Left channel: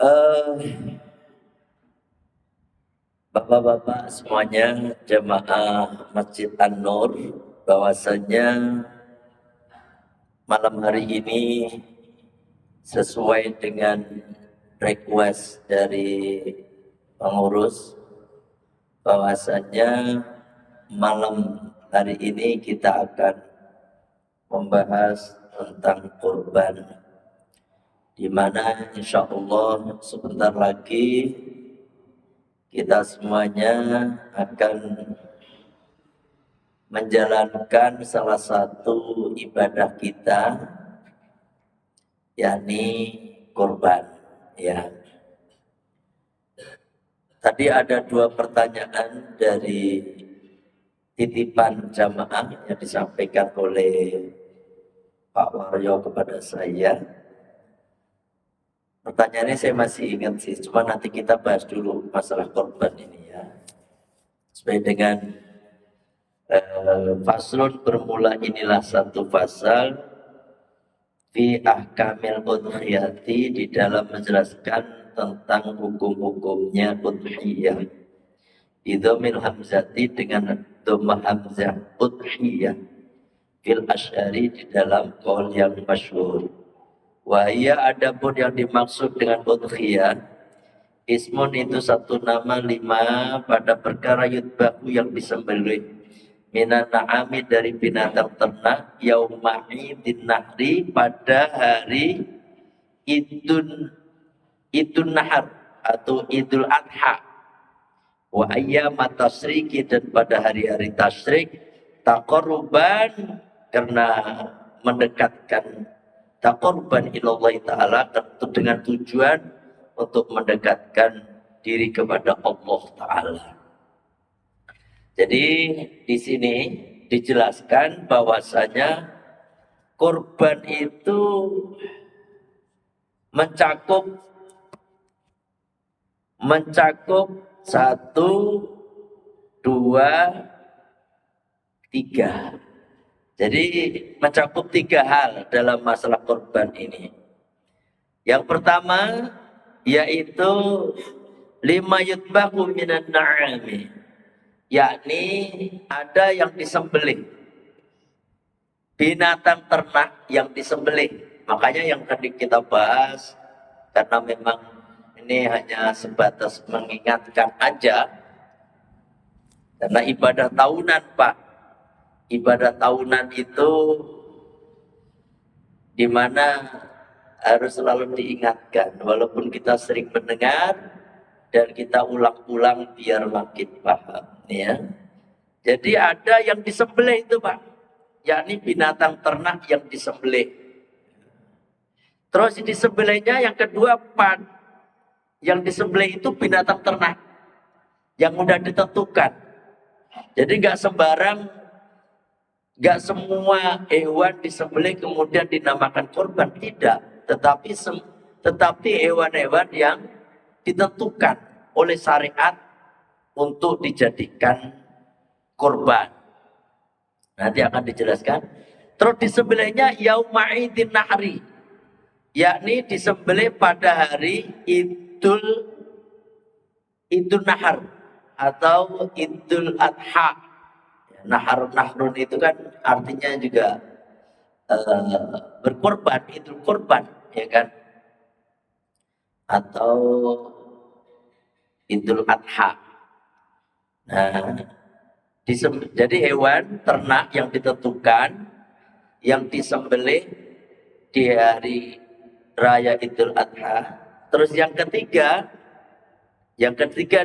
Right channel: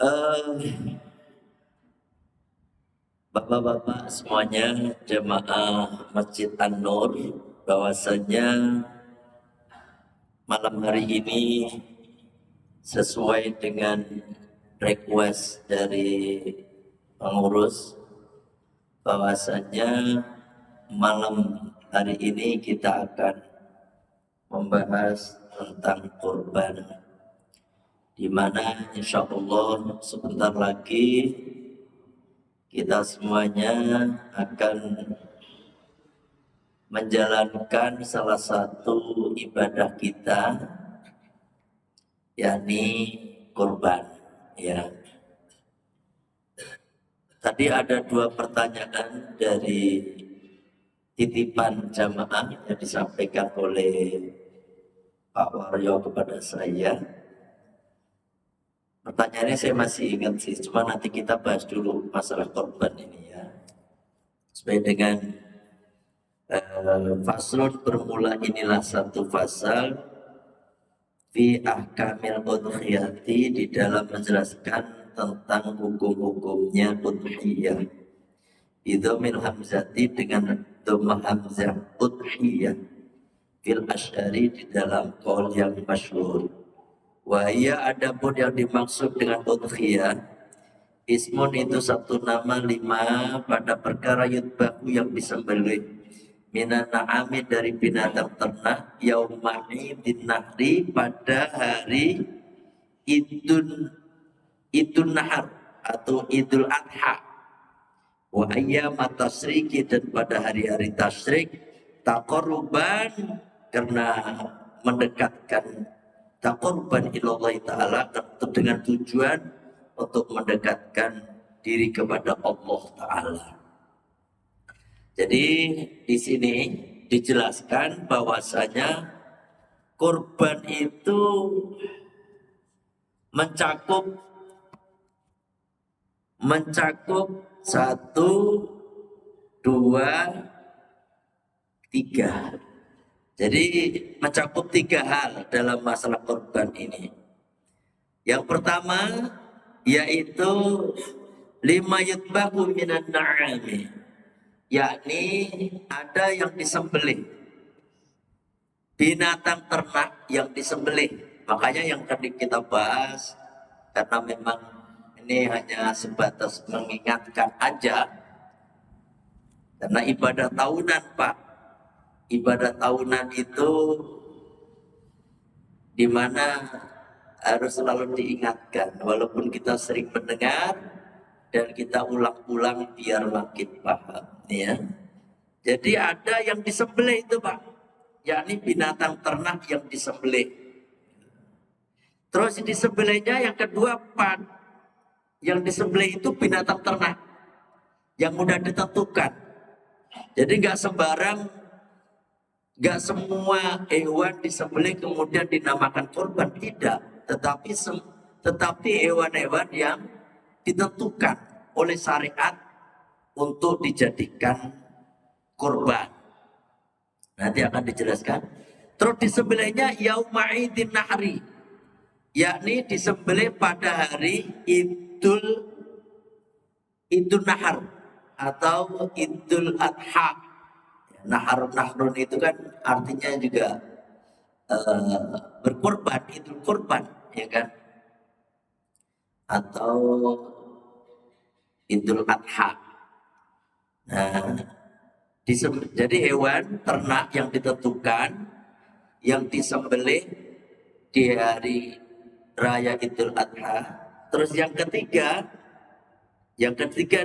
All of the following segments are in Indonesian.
Eh, Bapak-bapak semuanya, jemaah Masjid An-Nur, bahwasanya malam hari ini sesuai dengan request dari pengurus, bahwasanya malam hari ini kita akan membahas tentang kurban, di mana insya Allah sebentar lagi kita semuanya akan menjalankan salah satu ibadah kita, yakni kurban. Ya, tadi ada dua pertanyaan dari titipan jamaah yang disampaikan oleh Pak Waryo kepada saya. Pertanyaannya saya masih ingat sih, cuma nanti kita bahas dulu masalah korban ini ya. Sesuai dengan faslun bermula, inilah satu pasal fi ahkamil udhiyati, di dalam menjelaskan tentang hukum-hukumnya udhiyah. Idhamil hamzati, dengan dhammah hamzah, udhiyah fil asyari, di dalam qaul yang masyhur. Wahia, adapun yang dimaksud dengan udhiyah, ismun itu satu nama, lima pada perkara yutbaku yang disembelih, minan na'ami dari binatang ternak, yauma'idin nahri, pada hari idun nahar atau idul adha, wa ayyam tasriki, dan pada hari-hari tasyrik, taqarruban, karena mendekatkan, taqarruban ilallah ta'ala, dengan tujuan untuk mendekatkan diri kepada Allah Ta'ala. Jadi di sini dijelaskan bahwasanya kurban itu mencakup satu, dua, tiga. Jadi mencakup tiga hal dalam masalah kurban ini. Yang pertama yaitu lima yutbaku minan na'ami, yakni ada yang disembelih, binatang ternak yang disembelih. Makanya yang tadi kita bahas, karena memang ini hanya sebatas mengingatkan aja, karena ibadah tahunan Pak, ibadah tahunan itu di mana harus selalu diingatkan, walaupun kita sering mendengar dan kita ulang-ulang biar makin paham ya. Jadi ada yang disembelih itu Pak, yakni binatang ternak yang disembelih. Terus disembelihnya yang kedua, pan, yang disembelih itu binatang ternak yang mudah ditentukan. Jadi nggak sembarang, nggak semua hewan disembelih kemudian dinamakan kurban, tidak. Tetapi hewan-hewan yang ditentukan oleh syariat untuk dijadikan kurban. Nanti akan dijelaskan. Terus disembelihnya yauma'idin nahri, yakni disembelih pada hari idul nahar atau idul adha. Nahrun itu kan artinya juga berkorban, idul korban, ya kan? Atau idul adha. Nah, jadi hewan ternak yang ditentukan, yang disembelih di hari raya idul adha. Terus yang ketiga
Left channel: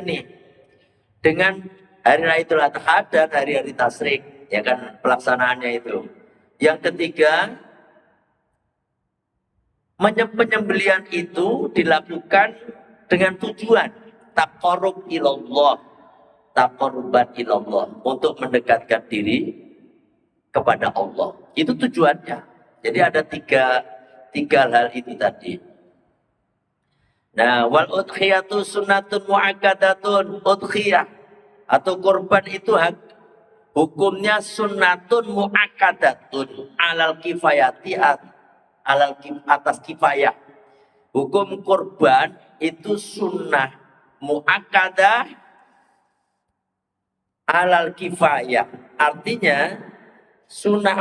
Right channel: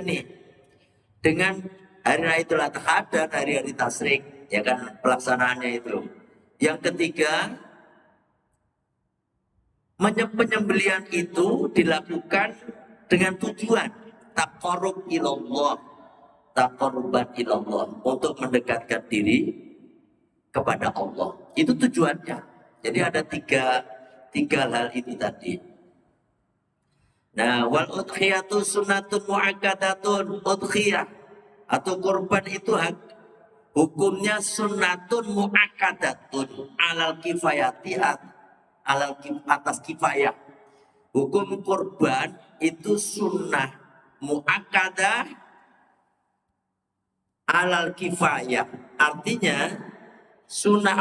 nih, dengan hari raya idul adha dan hari-hari tasyrik, ya kan, pelaksanaannya itu. Yang ketiga, penyembelihan itu dilakukan dengan tujuan taqarrub ilallah, taqarruban ilallah, untuk mendekatkan diri kepada Allah. Itu tujuannya. Jadi ada tiga hal itu tadi. Nah, wal udhiyatu sunnatun mu'akkadatun. Udhiyah atau kurban itu hukumnya sunnatun mu'akkadatun alal kifayati, atas kifayah. Hukum kurban itu sunnah muakkadah alal kifayah. Artinya sunnah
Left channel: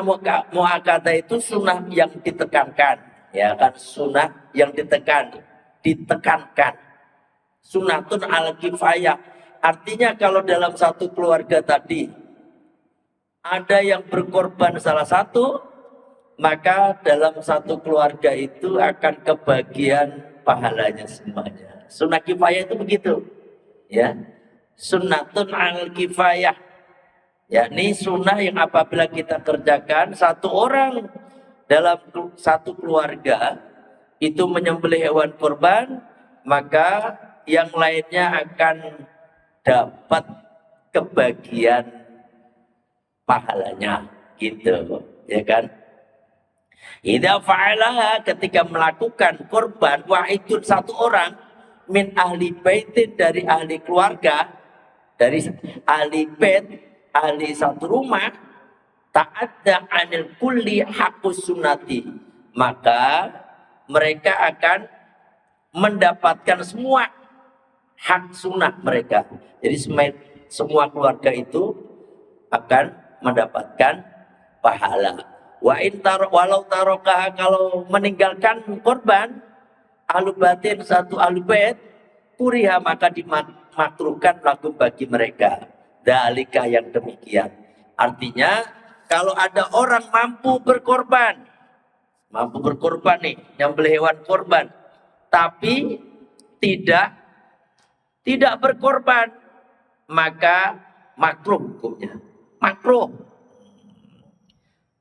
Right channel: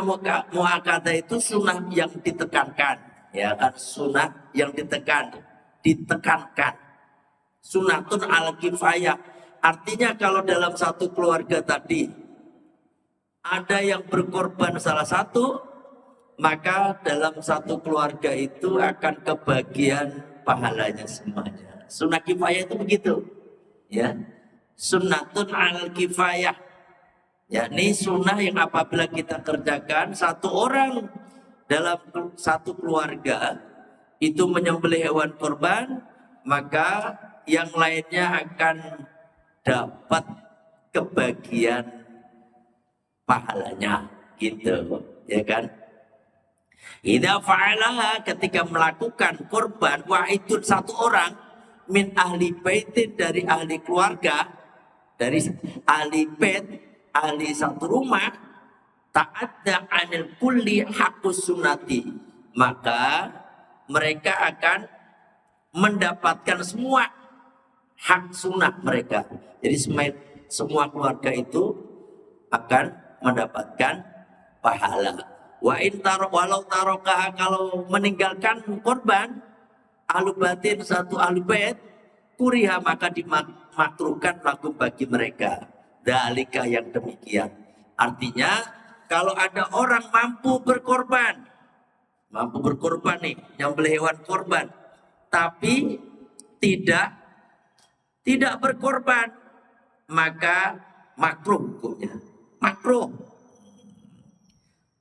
muakkadah itu sunnah yang ditekankan. Ya kan, sunnah yang ditekankan. Sunnatun al kifayah. Artinya kalau dalam satu keluarga tadi ada yang berkorban salah satu, maka dalam satu keluarga itu akan kebagian pahalanya semuanya. Sunnah kifayah itu begitu. Ya. Sunnatun al kifayah. Ya, ini sunnah yang apabila kita kerjakan, satu orang dalam satu keluarga itu menyembelih hewan kurban, maka yang lainnya akan dapat kebagian pahalanya, gitu, ya kan? Idza fa'alaha, ketika melakukan kurban, wahidun satu orang min ahli baitin, dari ahli keluarga, dari ahli bait, ahli satu rumah, ta'adda anil kulli haqqus sunnati, maka mereka akan mendapatkan semua hak sunnah mereka. Jadi semua keluarga itu akan mendapatkan pahala. Walau tarokah, kalau meninggalkan korban ahlu batin, satu ahlu bait, kuriha, maka dimakruhkan lagu bagi mereka. Dalika, yang demikian. Artinya kalau ada orang mampu berkorban nih, nyembelih hewan korban, tapi tidak berkorban, maka makruh hukumnya. Makruh.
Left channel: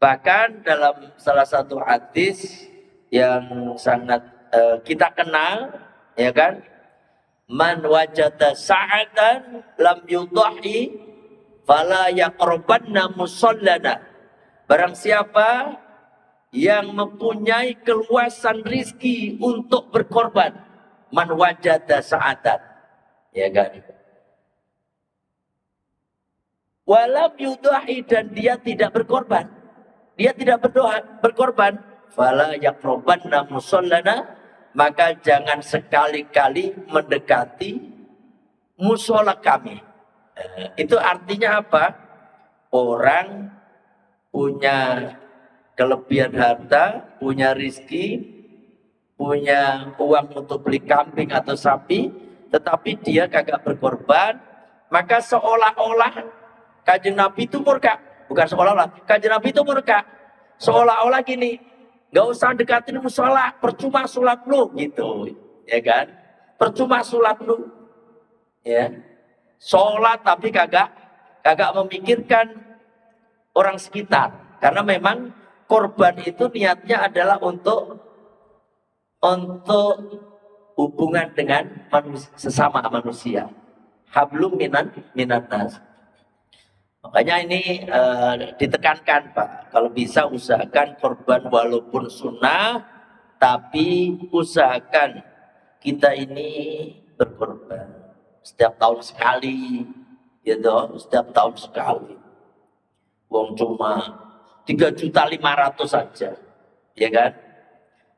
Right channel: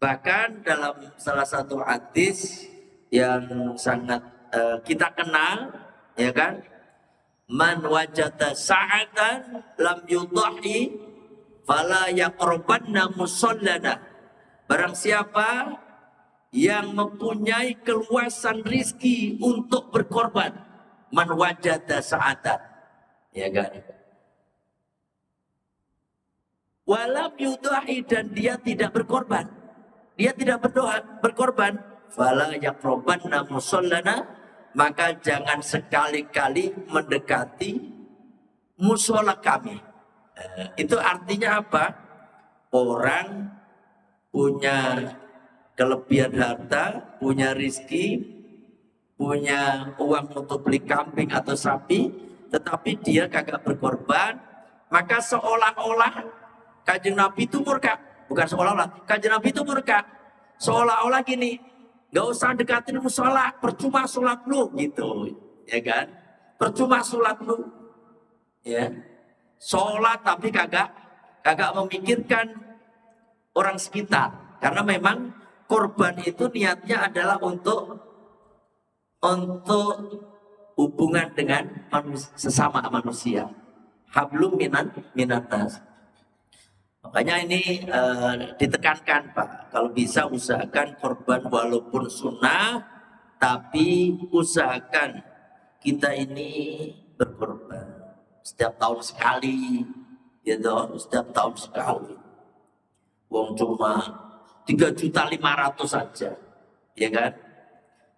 Bahkan dalam salah satu hadis yang sangat kita kenal, ya kan, man wajada sa'atan lam yudhahi fala yaqrabanna musallana. Barang siapa yang mempunyai keluasan rizki untuk berkorban, man wajada sa'atan, ya kan, walam yudhahi, dan dia tidak berkorban, dia tidak berkorban, fala yaqrabanna musallana, maka jangan sekali-kali mendekati musola kami. Itu artinya apa? Orang punya kelebihan harta, punya rizki, punya uang untuk beli kambing atau sapi, tetapi dia kagak berkorban, maka seolah-olah Kanjeng Nabi itu murka. Bukan seolah-olah, Kanjeng Nabi itu murka. Seolah-olah gini, gak usah dekatin musola, percuma sholat lu, gitu, ya kan? Percuma sholat lu, ya. Sholat tapi kagak memikirkan orang sekitar, karena memang korban itu niatnya adalah untuk hubungan dengan sesama manusia. Hablum minan nas. Makanya ini ditekankan, Pak, kalau bisa usahakan korban walaupun sunnah, tapi usahakan kita ini berkorban setiap tahun sekali, gitu, setiap tahun sekali. Wong cuma 3.500.000 saja, ya kan?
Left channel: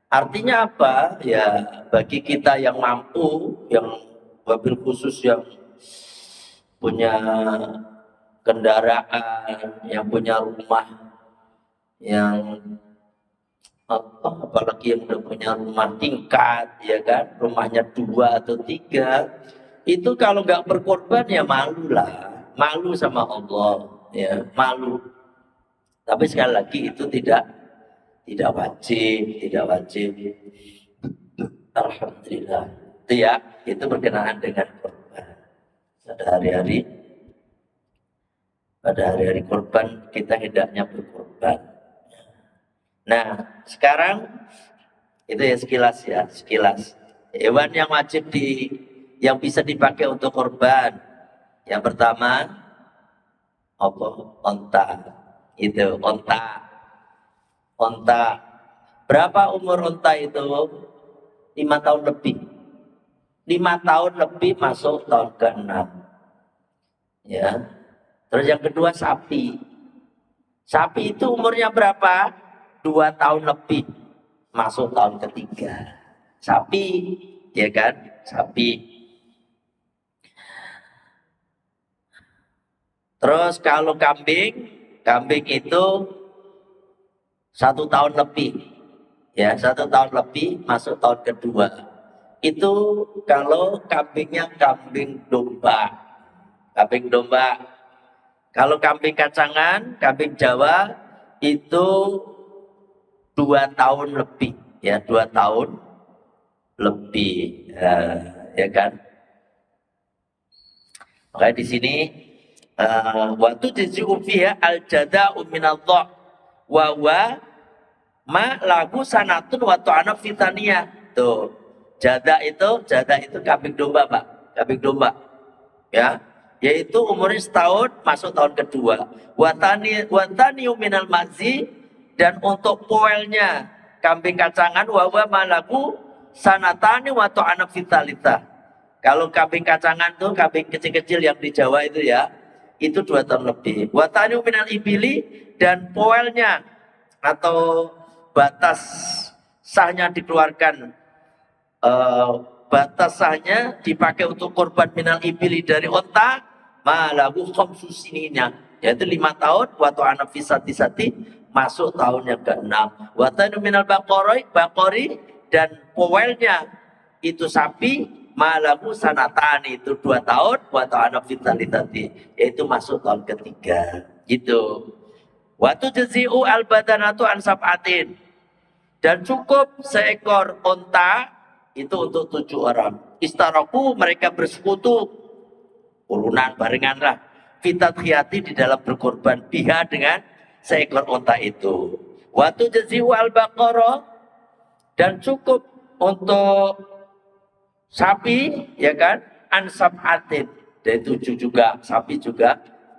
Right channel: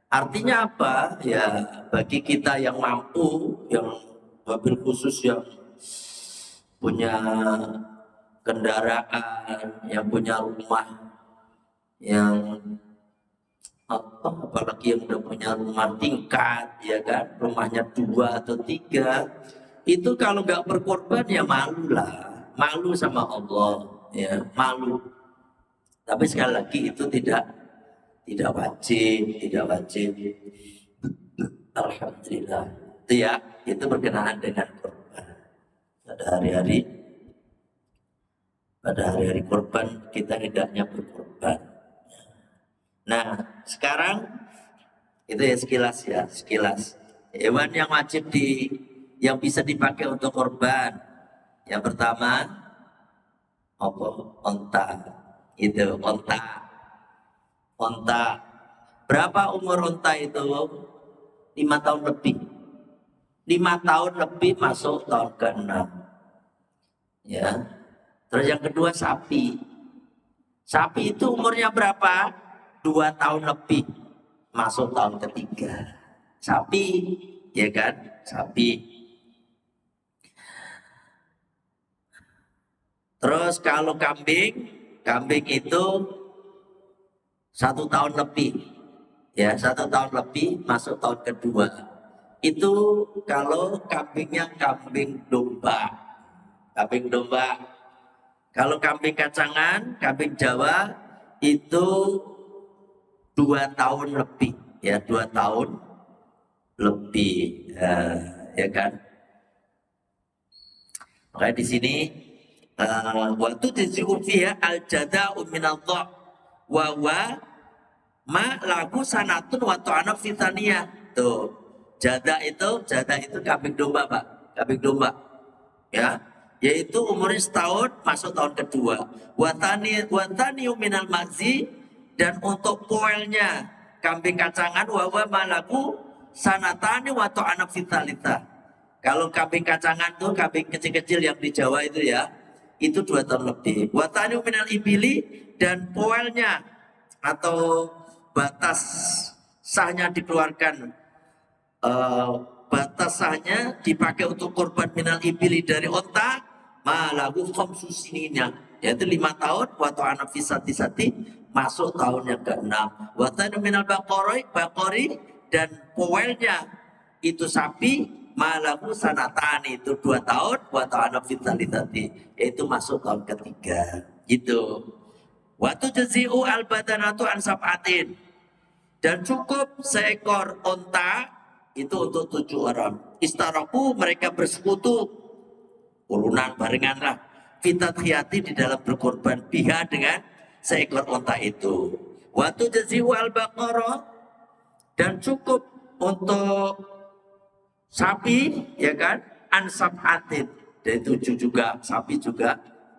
Artinya apa? Ya, bagi kita yang mampu, yang mobil khusus, yang punya kendaraan, yang punya rumah, yang apalagi yang udah punya rumah tingkat, ya kan, rumahnya 2 atau 3, itu kalau nggak berkorban ya malu lah, malu sama Allah, ya malu. Tapi sekali lagi itu tidak wajib. Alhamdulillah. Itu ya, itu berkenaan dengan korban. Pada hari-hari korban kita hendaknya berkorban. Nah, sekarang itu ya sekilas. Hewan yang wajib yang bisa dipakai untuk korban. Yang pertama, onta. Itu onta. Berapa umur onta itu? 5 tahun lebih. 5 tahun lebih masuk tahun ke-6. Ya. Terus yang kedua sapi. Sapi itu umurnya berapa? 2 tahun lebih, masuk tahun ketiga. sapi, ya kan? Sapi. Terus kalau kambing, kambing itu 1 tahun lebih, ya 1 tahun lebih masuk tahun kedua. Itu kalau kambingnya kambing domba, kambing domba. Kalau kambing kacangan, kambing Jawa itu 2 tahun lebih, ya 2 tahun lebih, ya kan? Makanya di sini waktu jizu fiha al jada'u minadh wa wa ma lagu sanatun wa ta'ana fitania. Tuh, jada itu kambing domba, Pak. Kambing domba. Ya. Yaitu umurnya setahun masuk tahun kedua. Watani minal mazi, dan untuk poelnya kambing kacangan wa wa ma lagu sanatani wa ta'ana vitalita. Kalau kambing kacangan tuh kambing kecil-kecil yang di Jawa itu ya, itu 2 tahun lebih. Watani minal ibili, dan poelnya atau batas sahnya dikeluarkan, batas sahnya dipakai untuk korban minal ibili dari onta, malagu khamsusininya, yaitu 5 tahun, waktu anak fisati masuk tahun yang ke-6. Watani minal bakori, dan poelnya itu sapi, malagu sanatan, itu 2 tahun, waktu anak vitalitati, yaitu masuk tahun ketiga. Gitu. Waktu jazi'u al-badanatu an sab'atin, dan cukup seekor onta itu untuk 7 orang. Istaraku, mereka bersekutu, urunan barengan lah, fitatkhiyati, di dalam berkorban biha, dengan seekor onta itu. Waktu jazi'u al-baqarah, dan cukup untuk sapi, ya kan, an sab'atin, dari 7 juga, sapi juga.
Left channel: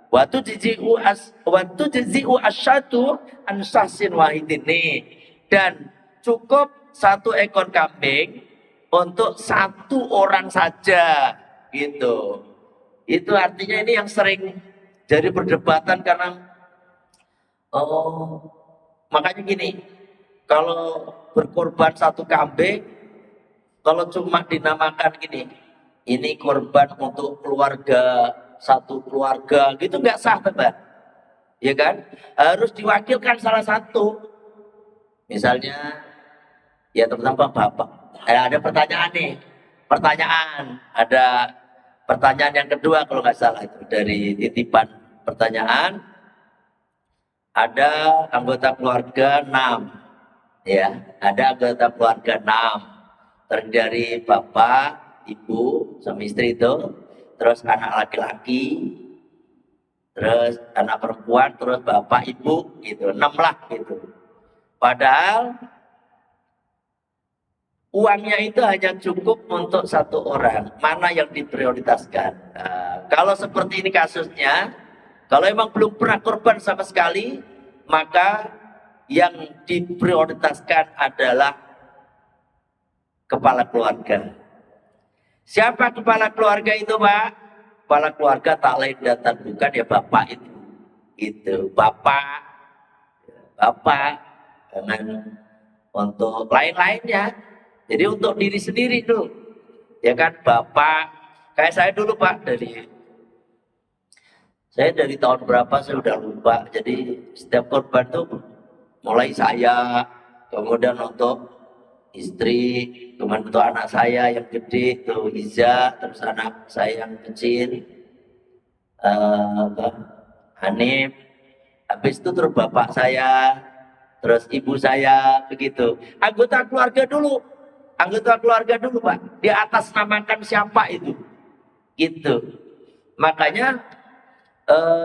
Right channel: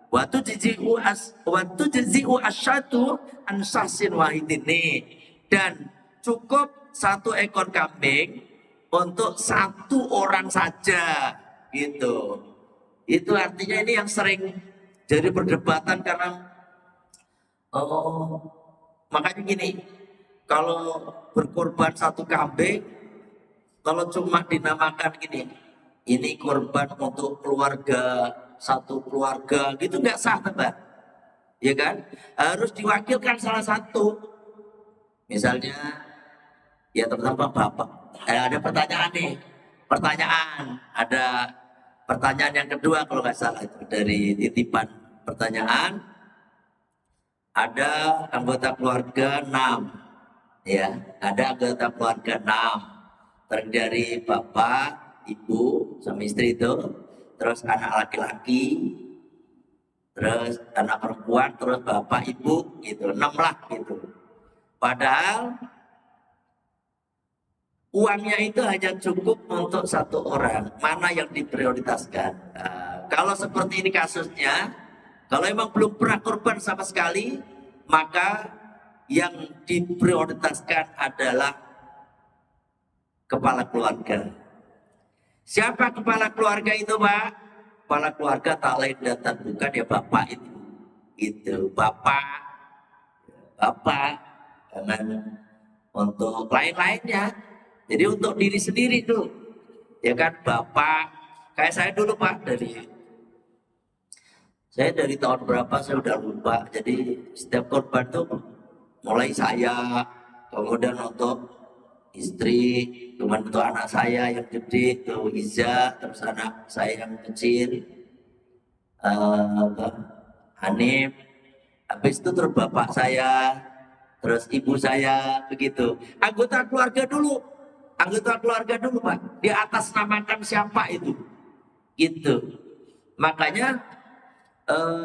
Waktu jizi'u asyatu an sahsin wahidin, nih. Dan cukup 1 ekor kambing untuk 1 orang saja, gitu. Itu artinya ini yang sering jadi perdebatan karena makanya gini, kalau berkorban 1 kambing, kalau cuma dinamakan gini, ini korban untuk keluarga, 1 keluarga, gitu nggak sah, Mbak. Ya kan? Harus diwakilkan salah satu. Misalnya, ya teman-teman Bapak, ada pertanyaan nih. Ada pertanyaan yang kedua kalau nggak salah, itu dari titipan pertanyaan. Ada anggota keluarga 6. Ya, ada anggota keluarga 6. Terdiri dari bapak, ibu, suami istri itu, terus anak laki-laki, terus anak perempuan, terus bapak, ibu, gitu, 6 lah gitu. Padahal uangnya itu hanya cukup untuk 1 orang. Mana yang diprioritaskan? Nah, kalau seperti ini kasusnya, kalau emang belum pernah korban sama sekali, maka yang diprioritaskan adalah kepala keluarga. Siapa kepala keluarga itu, Pak? Kepala keluarga tak lain dan tak bukan, ya bapak itu. Itu bapak dengan untuk lain-lainnya. Jadi untuk diri sendiri tuh, ya kan, bapak. Kayak saya dulu, Pak, dari tahun berapa saya udah lupa. Jadi setiap korban tuh mulai saya, kemudian untuk istri, kemudian untuk anak saya yang gede tuh Iza, terus anak saya yang kecil Hanif, habis itu terus bapak saya, terus ibu saya, begitu. Anggota keluarga dulu Pak, di atas namakan siapa itu, gitu. Makanya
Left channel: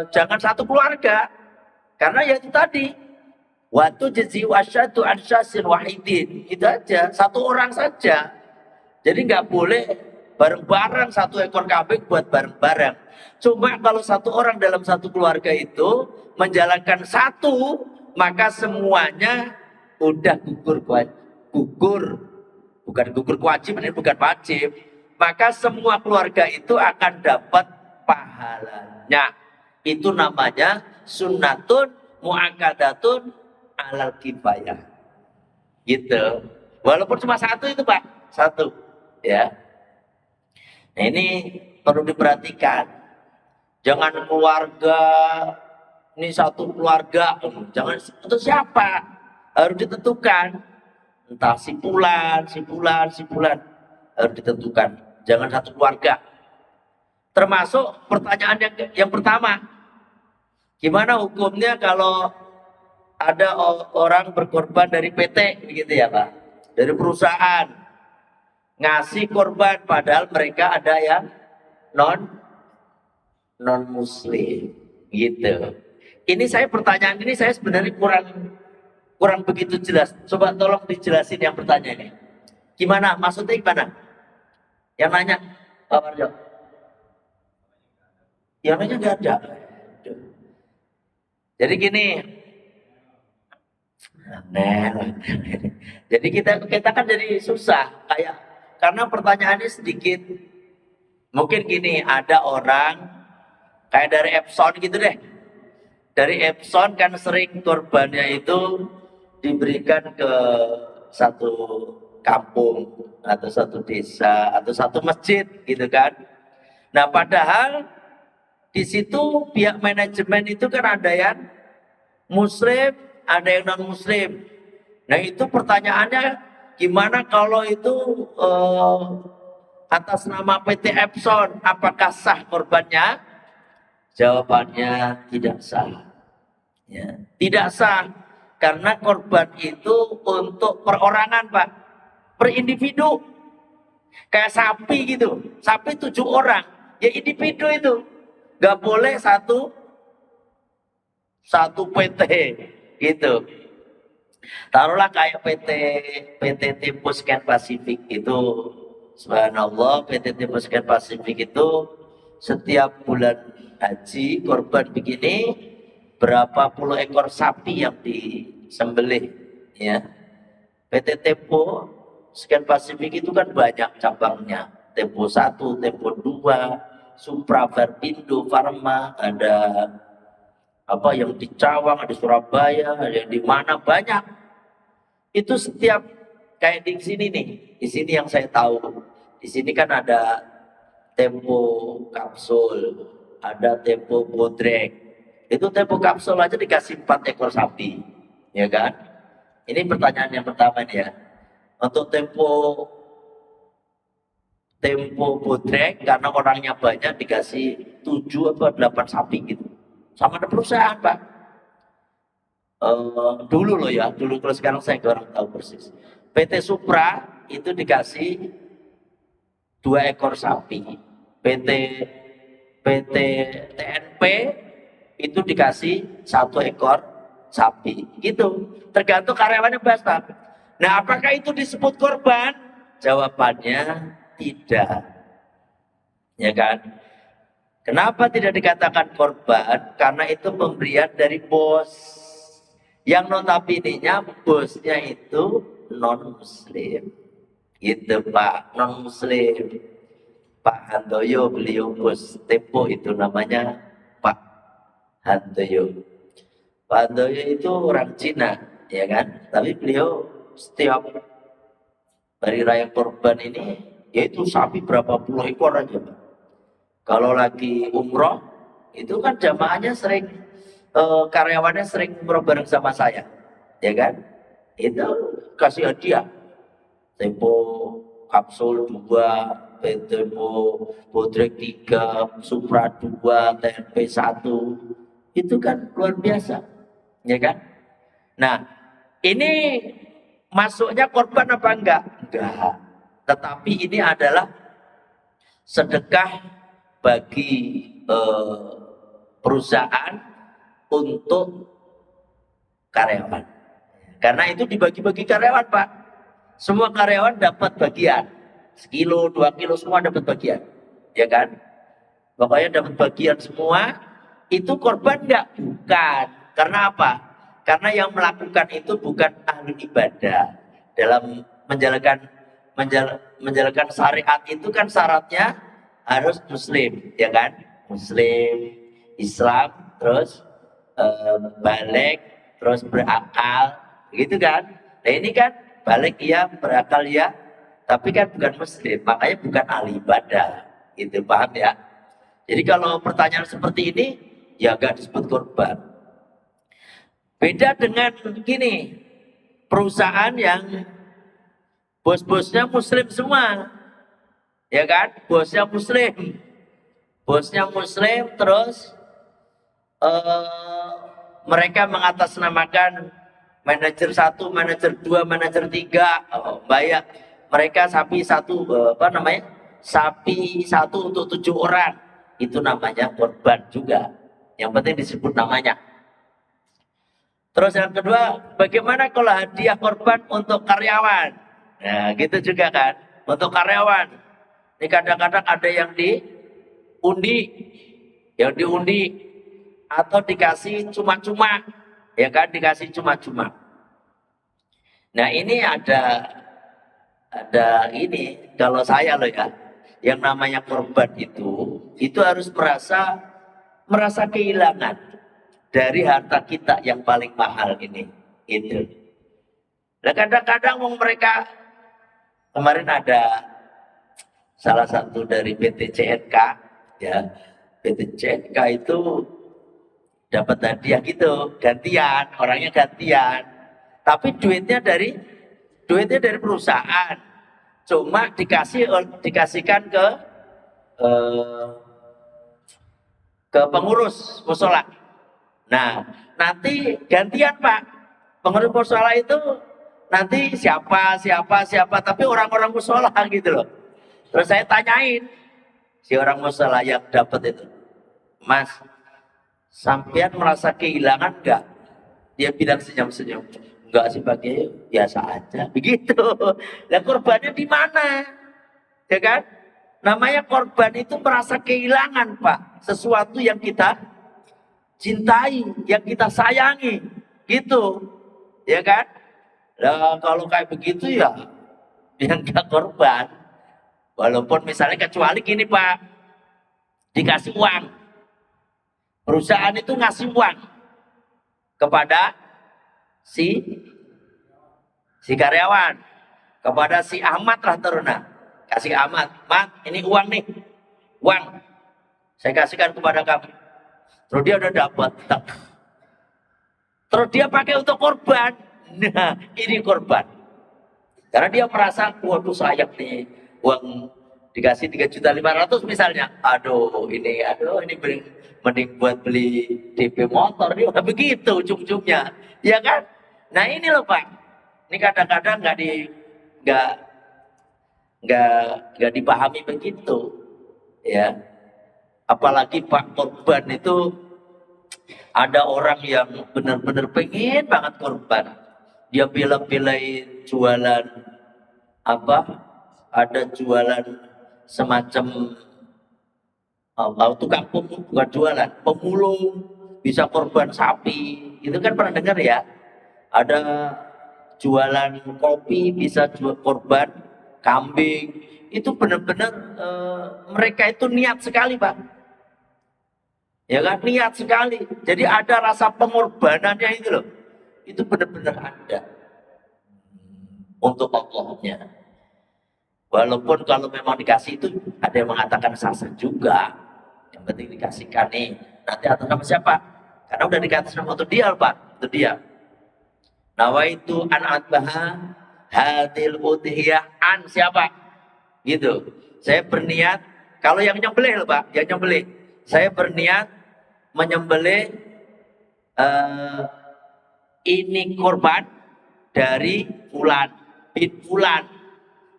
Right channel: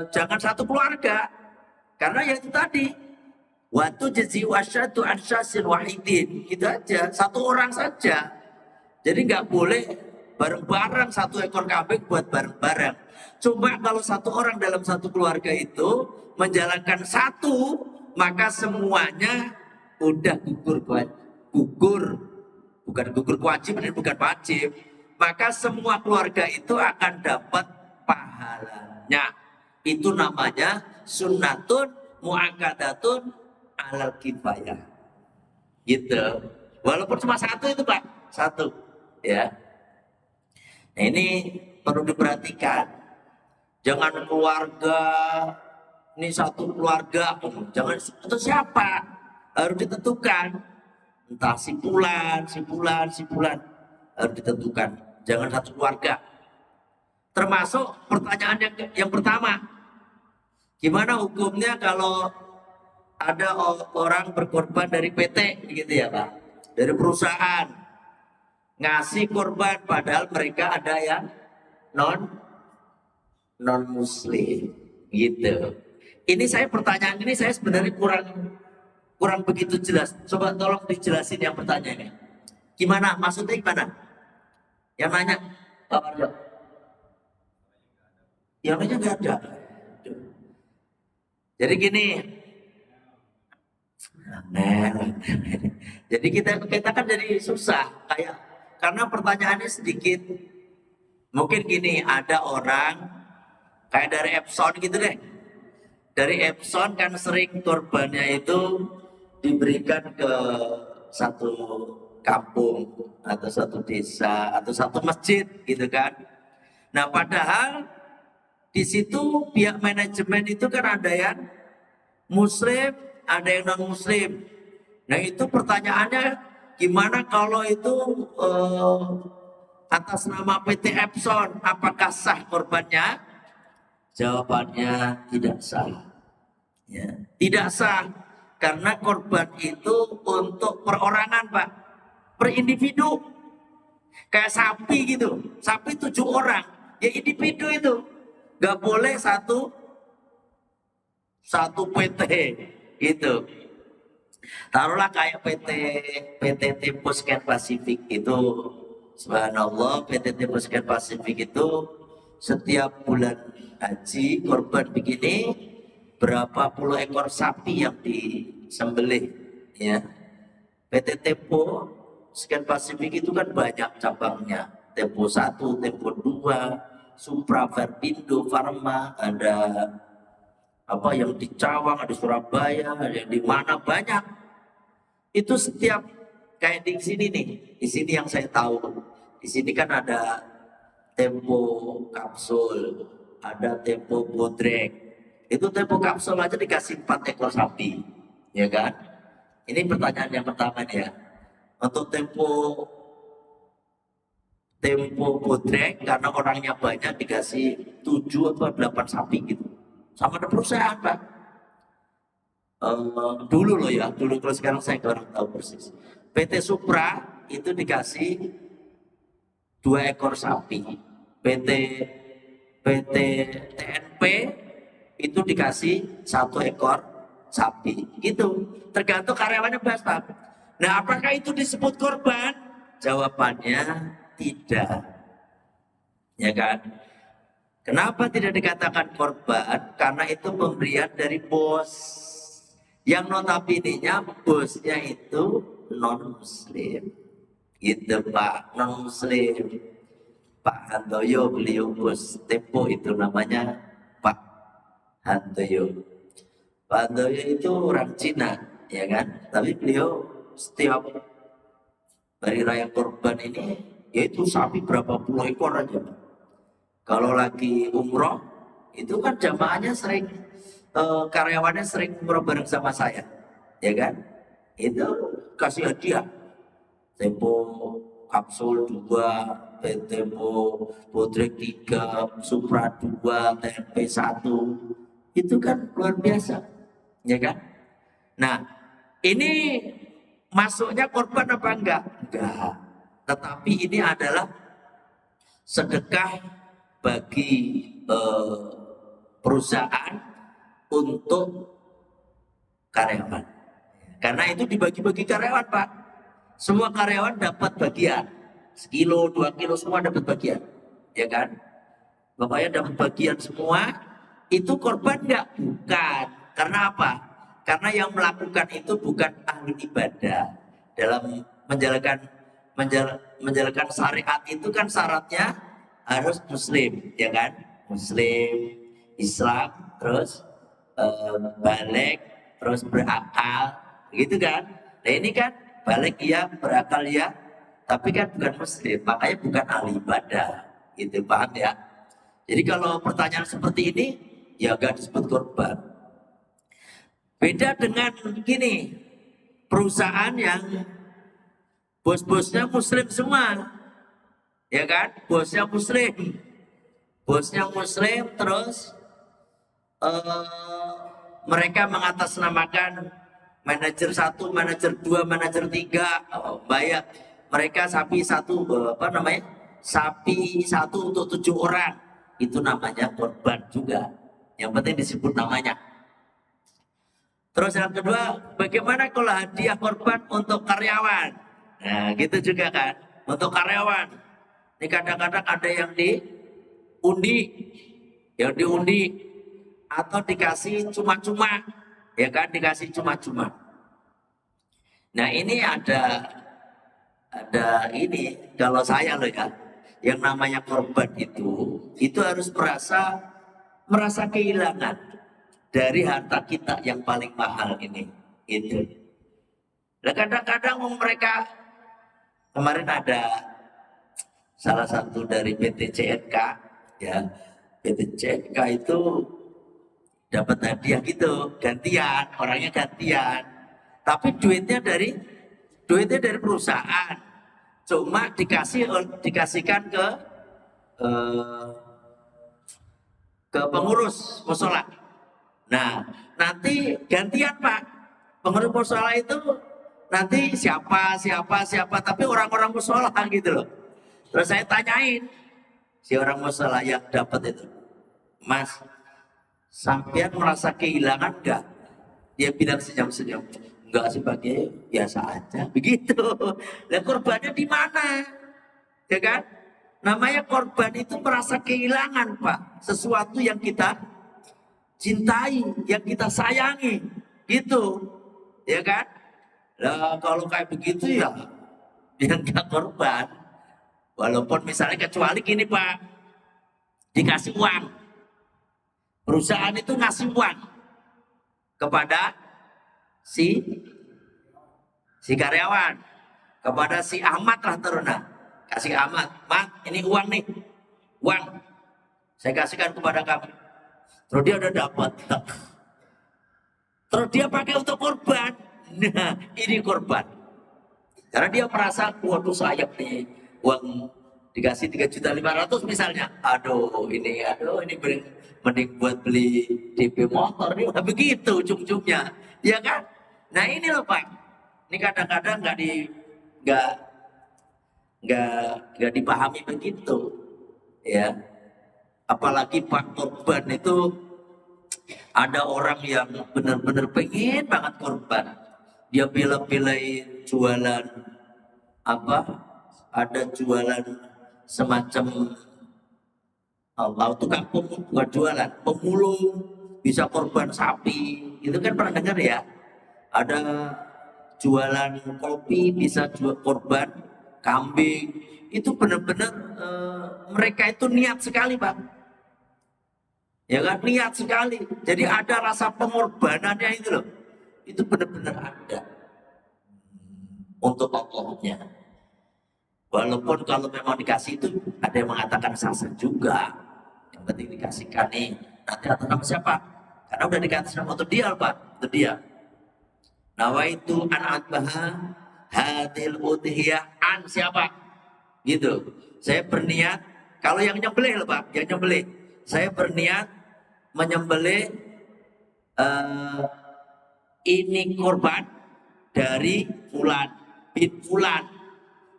jangan 1 keluarga, karena ya itu tadi, waktu jazi wasyatu ansyasin wahidin, itu aja, 1 orang saja. Jadi nggak boleh bareng-bareng 1 ekor kambing buat bareng-bareng. Cuma kalau 1 orang dalam 1 keluarga itu menjalankan 1, maka semuanya udah bukan gugur kewajiban, bukan wajib. Maka semua keluarga itu akan dapat pahalanya. Itu namanya sunnatun mu'akkadatun alal kifayah. Gitu. Walaupun cuma 1 itu, Pak. satu, ya. Nah, ini perlu diperhatikan. Jangan keluarga, ini satu keluarga, jangan itu siapa? Harus ditentukan. Entah si fulan harus ditentukan. Jangan satu keluarga. Termasuk pertanyaan yang pertama, gimana hukumnya kalau ada orang berkorban dari PT, begitu ya Pak? Dari perusahaan ngasih korban, padahal mereka ada yang non Muslim, gitu. Ini pertanyaan ini saya sebenarnya kurang begitu jelas. Coba tolong dijelasin yang pertanyaan ini. Gimana? Maksudnya gimana? Yang nanya Pak Warjo. Yang nanya nggak ada. Jadi gini. Jadi kita kan jadi susah kayak karena pertanyaannya sedikit. Mungkin gini, ada orang kayak dari Epson gitu deh. Dari Epson kan sering korbannya itu diberikan ke satu kampung atau satu desa atau satu masjid gitu kan. Nah, padahal di situ pihak manajemen itu kan ada yang Muslim, ada yang non Muslim. Nah, itu pertanyaannya gimana kalau itu atas nama PT Epson, apakah sah korbannya? Jawabannya tidak sah. Ya, tidak sah karena korban itu untuk perorangan Pak, per individu. Kayak sapi gitu, sapi 7 orang, ya individu itu. Gak boleh satu PT gitu. Taruhlah kayak PT Tempus Scan Pacific itu, subhanallah, PT Tempus Scan Pacific itu setiap bulan haji korban begini berapa puluh ekor sapi yang disembelih, ya. PT Tempo Scan Pacific itu kan banyak cabangnya, Tempo 1, Tempo 2, Supra, Verpindo, Pharma, ada apa yang di Cawang, ada Surabaya, ada yang di mana banyak. Itu setiap kayak di sini nih, di sini yang saya tahu, di sini kan ada Tempo Kapsul, ada Tempo Bodrek. Itu Tempo Kapsul aja dikasih 4 ekor sapi, ya kan? Ini pertanyaan yang pertama nih ya. Untuk Tempo Bodrek karena orangnya banyak dikasih 7 atau 8 sapi gitu. Sama ada perusahaan Pak. Dulu loh ya, dulu, kalau sekarang saya kurang tahu persis. PT Supra itu dikasih 2 ekor sapi. PT TNP itu dikasih 1 ekor sapi. Gitu. Tergantung karyawannya Pak. Nah, apakah itu disebut korban? Jawabannya tidak. Ya kan? Kenapa tidak dikatakan korban? Karena itu pemberian dari bos. Yang notabene-nya bosnya itu non-muslim. Gitu Pak, non-muslim. Pak Handoyo, beliau bos Tempo itu namanya Pak Handoyo. Pak Handoyo itu orang Cina, ya kan? Tapi beliau setiap hari raya korban ini, yaitu sapi berapa puluh ekor aja Pak. Kalau lagi umroh, itu kan jamaahnya sering, karyawannya sering umroh bareng sama saya, ya kan? Itu kasih hadiah, Tempo Kapsul 2, Tempo Bodrek 3, Supra 2, TNP 1, itu kan luar biasa, ya kan? Nah, ini masuknya korban apa enggak? Enggak. Tetapi ini adalah sedekah bagi perusahaan untuk karyawan. Karena itu dibagi-bagi karyawan Pak. Semua karyawan dapat bagian. 1 kilo, 2 kilo semua dapat bagian. Ya kan? Pokoknya dapat bagian semua. Itu korban enggak? Bukan. Karena apa? Karena yang melakukan itu bukan ahli ibadah. Dalam menjalankan syariat itu kan syaratnya harus muslim, ya kan? Muslim, Islam, terus balik, terus berakal, gitu kan? Nah ini kan balik ya, berakal ya, tapi kan bukan muslim, makanya bukan ahli ibadah. Gitu, paham ya? Jadi kalau pertanyaan seperti ini, ya gak disebut korban. Beda dengan gini, perusahaan yang bos-bosnya muslim semua. Ya kan? Bosnya muslim. Bosnya muslim terus mereka mengatasnamakan manajer 1, manajer 2, manajer 3, bayar mereka sapi satu, sapi satu untuk 7 orang. Itu namanya korban juga. Yang penting disebut namanya. Terus yang kedua, bagaimana kalau hadiah korban untuk karyawan? Nah, gitu juga kan. Untuk karyawan. Ini kadang-kadang ada yang diundi. Yang diundi. Atau dikasih cuma-cuma. Ya kan, dikasih cuma-cuma. Nah, ini ada ini, kalau saya loh ya. Yang namanya korban itu harus merasa kehilangan dari harta kita yang paling mahal ini. Itu. Nah, kadang-kadang mereka, kemarin ada salah satu dari PT CNK, ya, PT CNK itu dapat hadiah gitu, gantian, orangnya gantian, tapi duitnya dari perusahaan, cuma dikasihkan ke pengurus musola. Nah, nanti gantian Pak, pengurus musola itu nanti siapa, tapi orang-orang musola gitu loh. Terus saya tanyain si orang musola yang dapat itu, Mas, sampean merasa kehilangan enggak? Dia bilang senyum-senyum, enggak sih Pak, biasa aja. Begitu. Lah korbannya di mana? Ya kan? Namanya korban itu merasa kehilangan Pak, sesuatu yang kita cintai, yang kita sayangi, gitu, ya kan? Nah, kalau kayak begitu ya, dia nggak korban. Walaupun misalnya kecuali gini Pak, dikasih uang, perusahaan itu ngasih uang kepada si karyawan, kepada si Ahmad lah teruna, kasih Ahmad, Mat, ini uang nih, uang, saya kasihkan kepada kamu. Terus dia udah dapat, terus dia pakai untuk korban. Nah, ini korban. Karena dia merasa, waduh sayang nih, uang dikasih 3.500.000 misalnya. Aduh ini mending buat beli DP motor. Dia udah begitu ujung-ujungnya. Ya kan? Nah ini loh Pak. Ini kadang-kadang nggak dipahami begitu. Ya. Apalagi Pak korban itu ada orang yang benar-benar pengen banget korban. Dia pilih-pilih jualan apa? Ada jualan semacam tukang bukan jualan, pemulung, bisa korban sapi. Itu kan pernah dengar ya? Ada jualan kopi bisa jual korban kambing. Itu benar-benar mereka itu niat sekali Pak. Ya kan, niat sekali. Jadi ada rasa pengorbanannya itu loh. Itu benar-benar ada untuk Allahnya. Walaupun kalau memang dikasih itu ada yang mengatakan sasa juga. Yang penting dikasihkan nih. Nanti atas nama siapa? Karena udah dikasih nama untuk dia Pak. Untuk dia. Nawaitu an atbaha hadil udhiyah an siapa? Gitu. Saya berniat, kalau yang nyembelih Pak, yang nyembelih. Saya berniat menyembelih ini korban dari fulan bin fulan,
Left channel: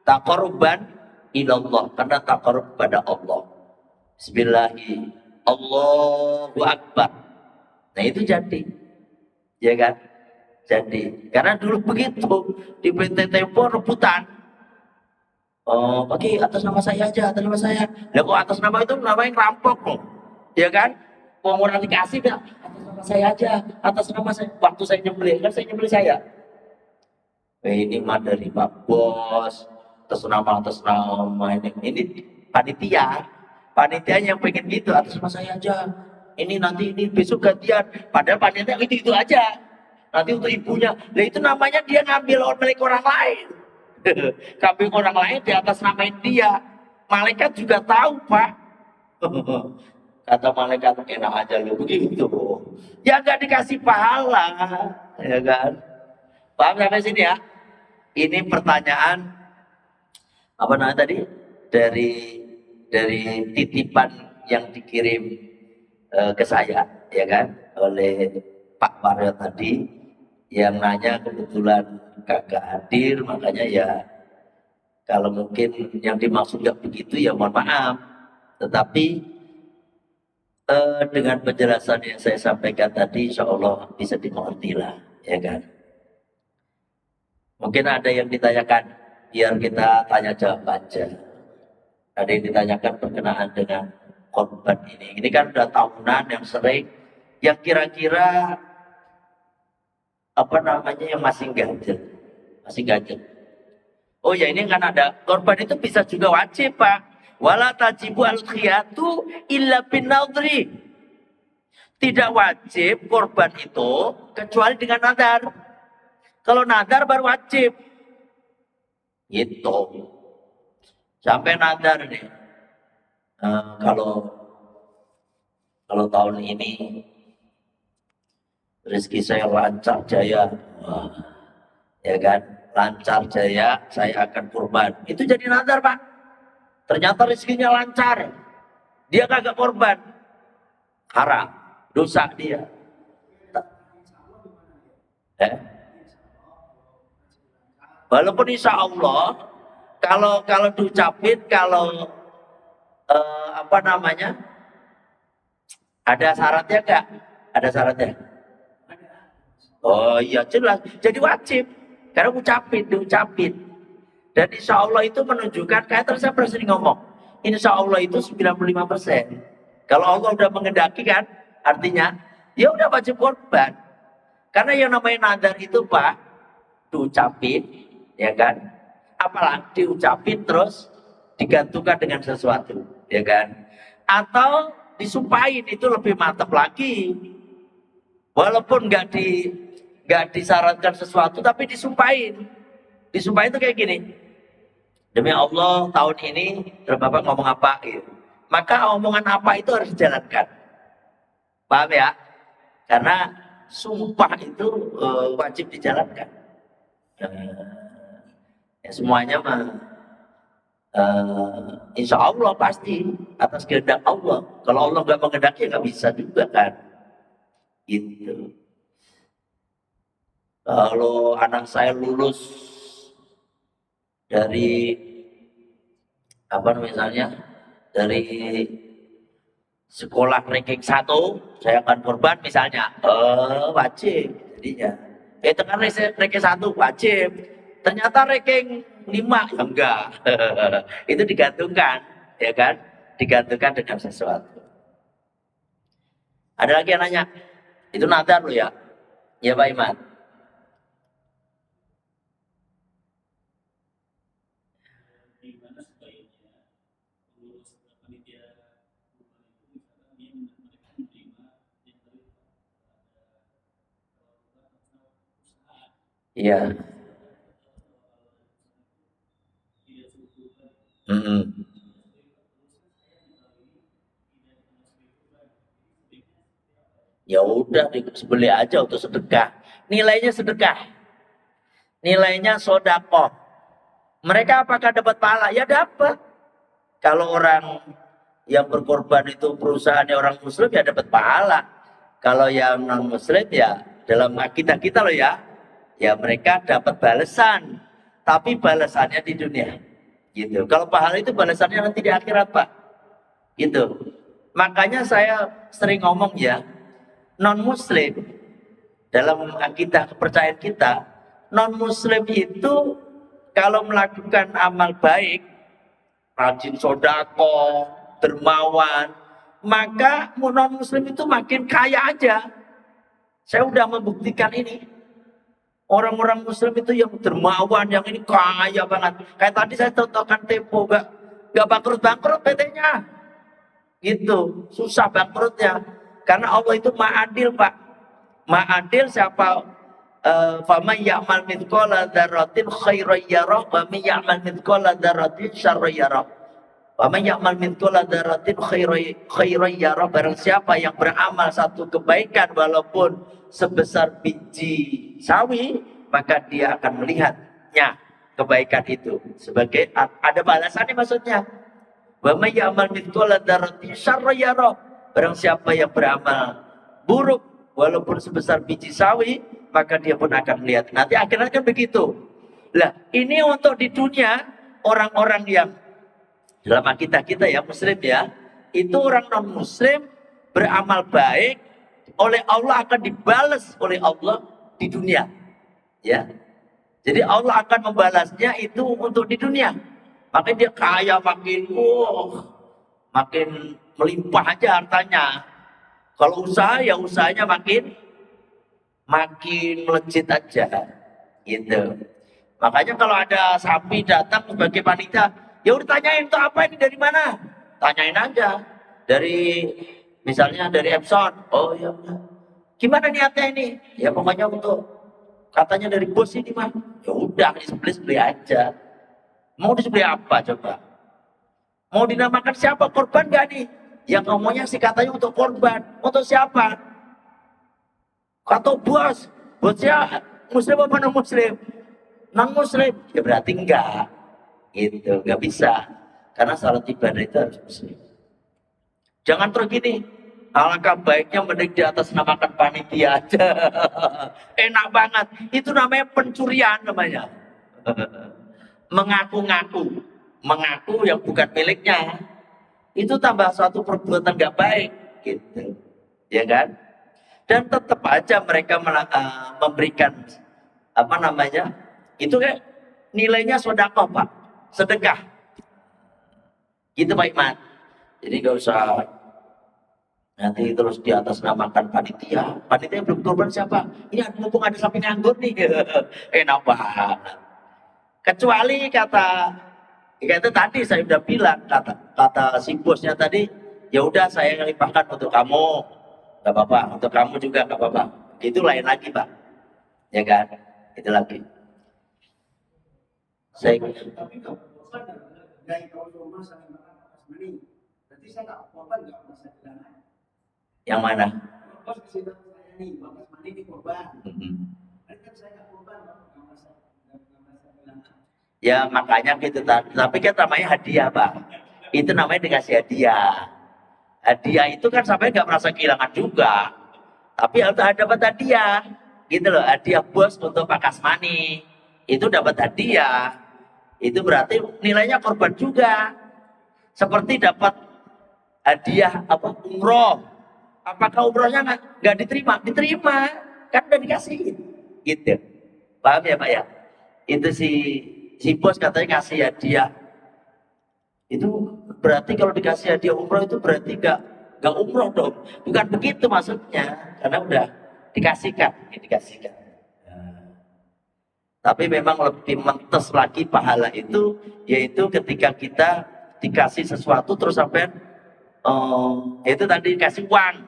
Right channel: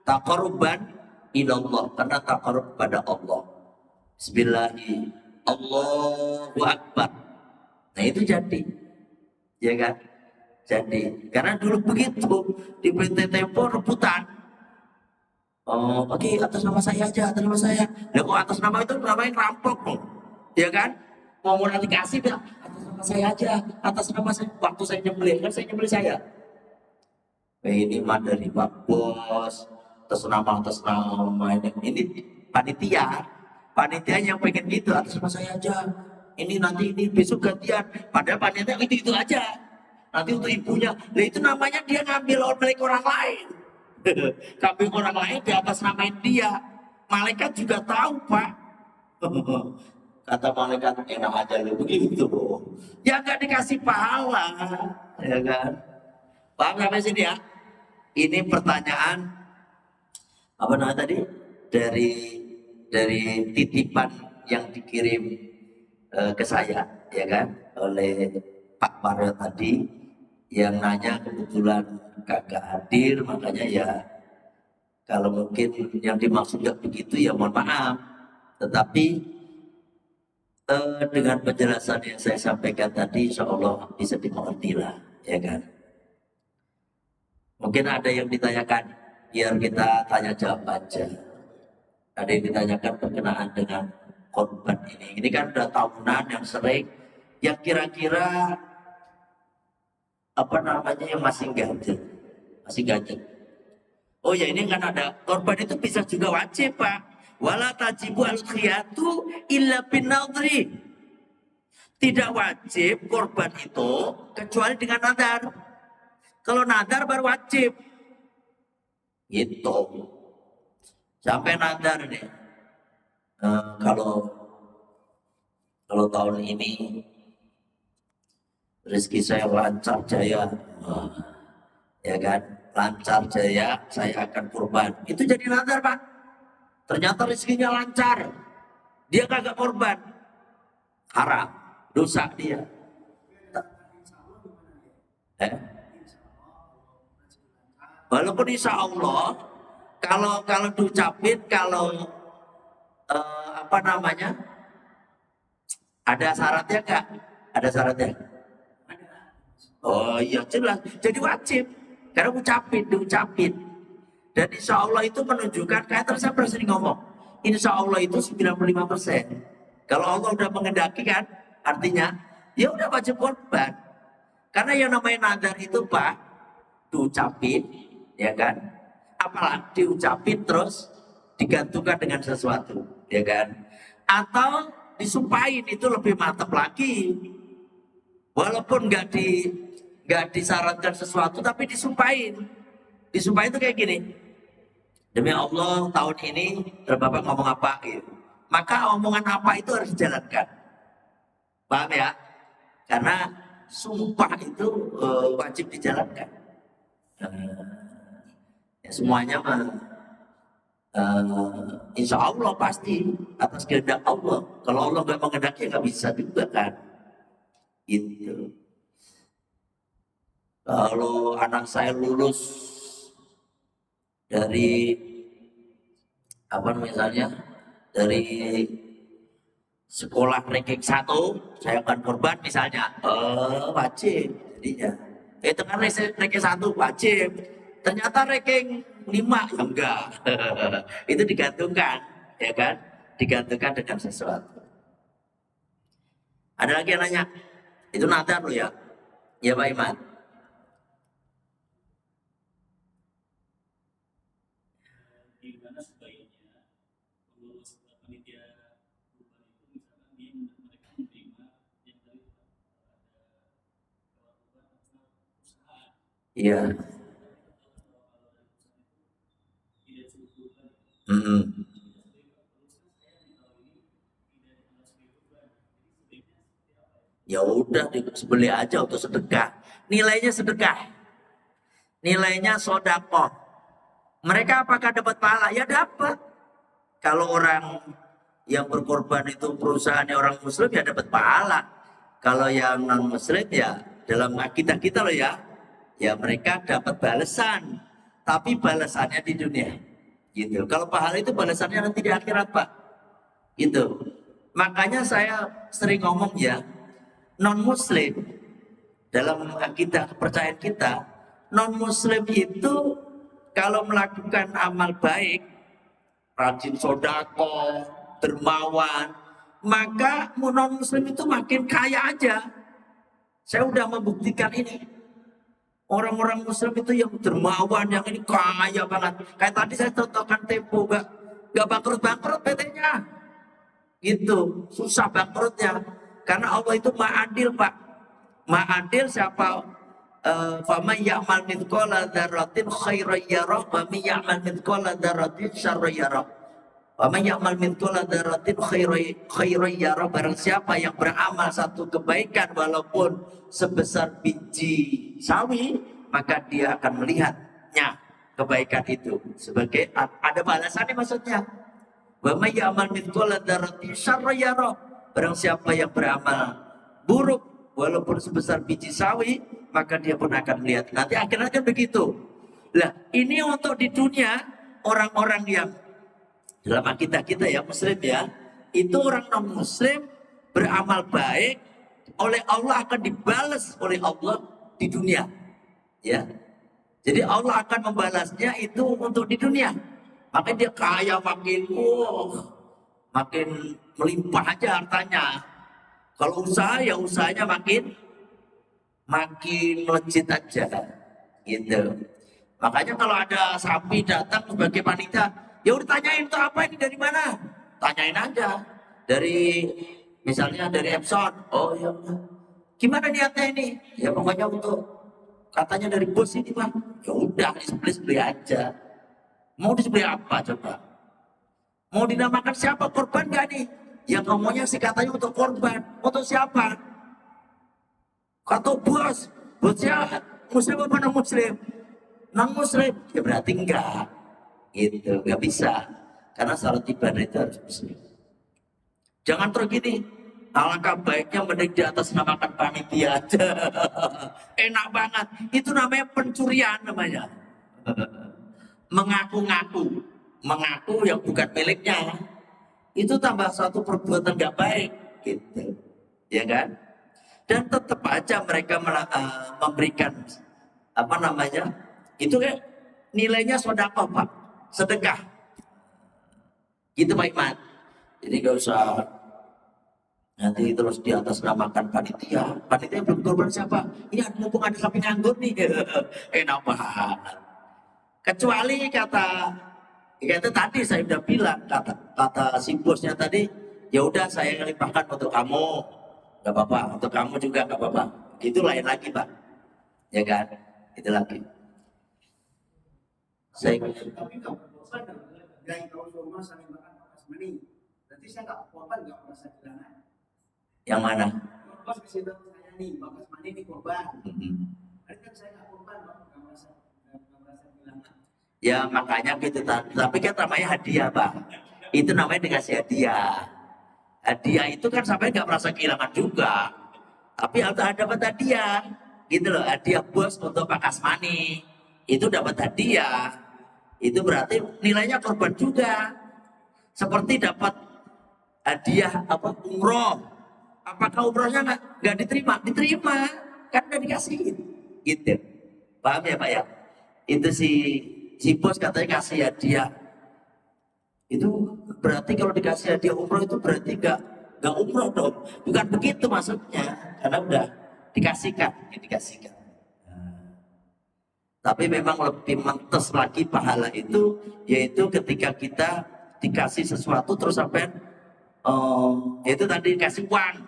taqarruban ilallah, karena taqarrub pada Allah. Bismillahi Allahu Akbar. Nah itu jadi, ya kan? Jadi, karena dulu begitu di PT Tempo rebutan. Oh, oke, atas nama saya aja, atas nama saya. Lah kok atas nama itu namanya rampok loh. Ya kan? Mau orang dikasih gak? Atas nama saya aja, atas nama saya. Waktu saya nyembelih, kan saya nyembelih saya. Ini mah dari Pak Bos, atas nama ini panitia. Panitia yang pengen gitu, atas nama saya aja. Ini nanti ini besok gantian. Padahal panitia itu aja. Nanti untuk ibunya. Lah itu namanya dia ngambil milik orang lain. Kambing orang lain di atas namain dia. Malaikat juga tahu, Pak. Kata malaikat, enak aja lu begitu. Ya nggak dikasih pahala, ya kan? Paham sampai sini ya? Ini pertanyaan apa namanya tadi? Dari titipan yang dikirim ke saya, ya kan? Oleh Pak Mario tadi yang nanya, kebetulan kagak hadir, makanya ya kalau mungkin yang dimaksud nggak begitu ya mohon maaf. Tetapi dengan penjelasan yang saya sampaikan tadi, insya Allah bisa dimengerti lah, ya kan? Mungkin ada yang ditanyakan, biar kita tanya jawab aja. Ada yang ditanyakan berkenaan dengan korban ini. Ini kan udah tahunan yang sering, yang kira-kira apa namanya yang masih ganjil. Oh ya, ini kan ada korban itu bisa juga wajib, Pak. Wala tajibu al-khiyatu illa bin nadri. Tidak wajib korban itu kecuali dengan nadar. Kalau nadar baru wajib. Gitu. Sampai nadar nih. Kalau tahun ini rezeki saya lancar jaya, ya kan? Lancar jaya, saya akan kurban. Itu jadi nadar, Pak. Ternyata rezekinya lancar. Dia kagak korban. Haram. Dosa dia. Walaupun insya Allah, kalau diucapin, kalau apa namanya, ada syaratnya enggak? Ada syaratnya? Oh iya jelas. Jadi wajib. Karena diucapin. Dan insya Allah itu menunjukkan, kayak tadi saya pernah sering ngomong, insya Allah itu 95%. Kalau Allah udah mengendaki kan, artinya ya udah wajib korban. Karena yang namanya nadar itu Pak, diucapin, ya kan? Apalagi diucapin terus digantungkan dengan sesuatu, ya kan? Atau disumpahin, itu lebih mantap lagi. Walaupun nggak disyaratkan sesuatu, tapi disumpahin. Disumpahin itu kayak gini. Demi Allah tahun ini Bapak ngomong apa gitu. Maka omongan apa itu harus dijalankan. Paham ya? Karena sumpah itu wajib dijalankan. Ya semuanya mah insya Allah pasti atas kehendak Allah. Kalau Allah nggak menghendaki nggak bisa juga kan. Gitu. Kalau anak saya lulus dari apa misalnya dari sekolah ranking 1, saya akan korban misalnya, wajib jadinya. Itu kan ranking 1 wajib, ternyata ranking 5 ya enggak. Itu digantungkan, ya kan? Digantungkan dengan sesuatu. Ada lagi yang nanya, itu nadar loh ya? Ya Pak Iman. Iya. Mm-mm. Ya udah disembelih aja untuk sedekah. Nilainya sedekah. Nilainya sodakoh. Mereka apakah dapat pahala? Ya dapat. Kalau orang yang berkorban itu perusahaannya orang muslim ya dapat pahala. Kalau yang non muslim ya dalam akidah kita loh ya. Ya mereka dapat balasan. Tapi balasannya di dunia. Gitu. Kalau pahala itu balasannya nanti di akhirat Pak. Gitu. Makanya saya sering ngomong ya, non muslim dalam akidah kepercayaan kita, non muslim itu kalau melakukan amal baik, rajin sodako, dermawan, maka non muslim itu makin kaya aja. Saya udah membuktikan ini. Orang-orang muslim itu yang dermawan, yang ini kaya banget. Kayak tadi saya contohkan Tempo, gak bangkrut-bangkrut PT-nya. Gitu, susah bangkrutnya. Karena Allah itu ma'adil Pak. Ma'adil siapa faman ya'mal mithqala dzarratin khairan yarah wa man ya'mal mithqala dzarratin syarran yarah. Faman ya'mal mithqala dzarratin khairan yarah, barang siapa yang beramal satu kebaikan walaupun sebesar biji sawi, maka dia akan melihatnya kebaikan itu sebagai ada balasannya maksudnya. Wa may ya'mal mithqala dzarratin syarran yarah, barang siapa yang beramal buruk walaupun sebesar biji sawi, maka dia pun akan melihat. Nanti akhirnya kan begitu. Lah, ini untuk di dunia orang-orang yang dalam akidah kita ya muslim ya, itu orang non muslim beramal baik oleh Allah akan dibalas oleh Allah di dunia. Ya. Jadi Allah akan membalasnya itu untuk di dunia. Makanya dia kaya makin makin melimpah aja hartanya. Kalau usaha ya usahanya makin melejit aja gitu. Makanya kalau ada sapi datang sebagai panitia, ya udah tanyain tuh apa ini dari mana? Tanyain aja. Dari misalnya dari Epson. Oh ya udah. Gimana niatnya ini? Ya pokoknya untuk katanya dari bos ini mah. Ya udah disembelih aja. Mau disembelih apa coba? Mau dinamakan siapa? Korban gak nih? Yang ngomongnya sih katanya untuk korban. Untuk siapa? Kata bos. Bosnya muslim apa non muslim? Non muslim. Ya berarti enggak. Gitu. Enggak bisa. Karena salat ibadah itu harus muslim. Jangan terus gini. Alangkah baiknya mending di atas namakan panitia aja. Enak banget. Itu namanya pencurian namanya. Mengaku-ngaku. Mengaku yang bukan miliknya. Itu tambah satu perbuatan gak baik. Gitu. Ya kan? Dan tetap aja mereka memberikan apa namanya, itu kayak nilainya sedekah Pak, sedekah gitu Pak Iman. Jadi gak usah nanti terus di atas namakan panitia belum korban siapa, ini mumpung ada sapi nganggur nih. Enak banget. Kecuali kata itu tadi saya udah bilang, kata si bosnya tadi, ya udah saya limpahkan untuk kamu. Gak apa-apa, untuk kamu juga gak apa-apa. Itu lain lagi Pak. Ya kan? Itu lagi. Saya... Tapi kalau bosan dari kalau rumah saling makan atas mani, berarti saya nggak korban nggak merasa kehilangan. Yang mana? Bos kasih tahu saya nih, bakas mani di korban. Kan saya nggak korban, nggak merasa kehilangan. Ya makanya gitu, tapi kan namanya hadiah Pak. Itu namanya dikasih hadiah. Hadiah itu kan sampai nggak merasa kehilangan juga, tapi harus dapat hadiah, gitu loh. Hadiah bos untuk Pak Kasmani itu dapat hadiah, itu berarti nilainya korban juga. Seperti dapat hadiah apa umroh, apakah umrohnya nggak diterima? Diterima, kan udah dikasih, gitu. Paham ya Pak ya? Itu si bos katanya ngasih hadiah. Itu berarti kalau dikasih hadiah umroh itu berarti nggak umroh dong. Bukan begitu maksudnya, karena udah dikasihkan. Tapi memang lebih mentes lagi pahala itu, yaitu ketika kita dikasih sesuatu terus sampai itu tadi dikasih uang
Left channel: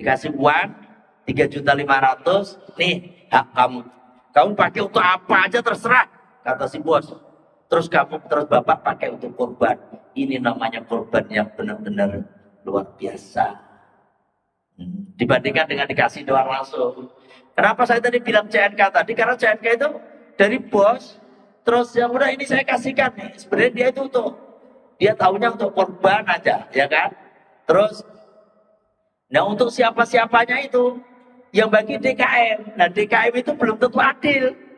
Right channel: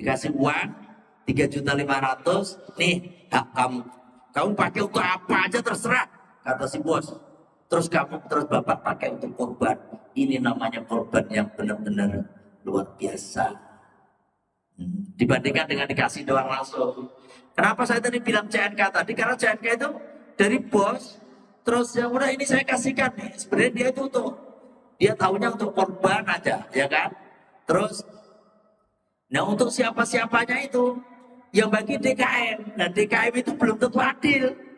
3.500.000, nih hak kamu pakai untuk apa aja terserah, kata si bos. Terus bapak pakai untuk korban. Ini namanya korban yang benar-benar luar biasa. Dibandingkan dengan dikasih doang langsung. Kenapa saya tadi bilang CNK tadi? Karena CNK itu dari bos. Terus ya udah ini saya kasihkan nih. Sebenarnya dia itu dia tahunya untuk korban aja, ya kan? Terus, nah untuk siapa-siapanya itu yang bagi DKM. Nah DKM itu belum tentu adil.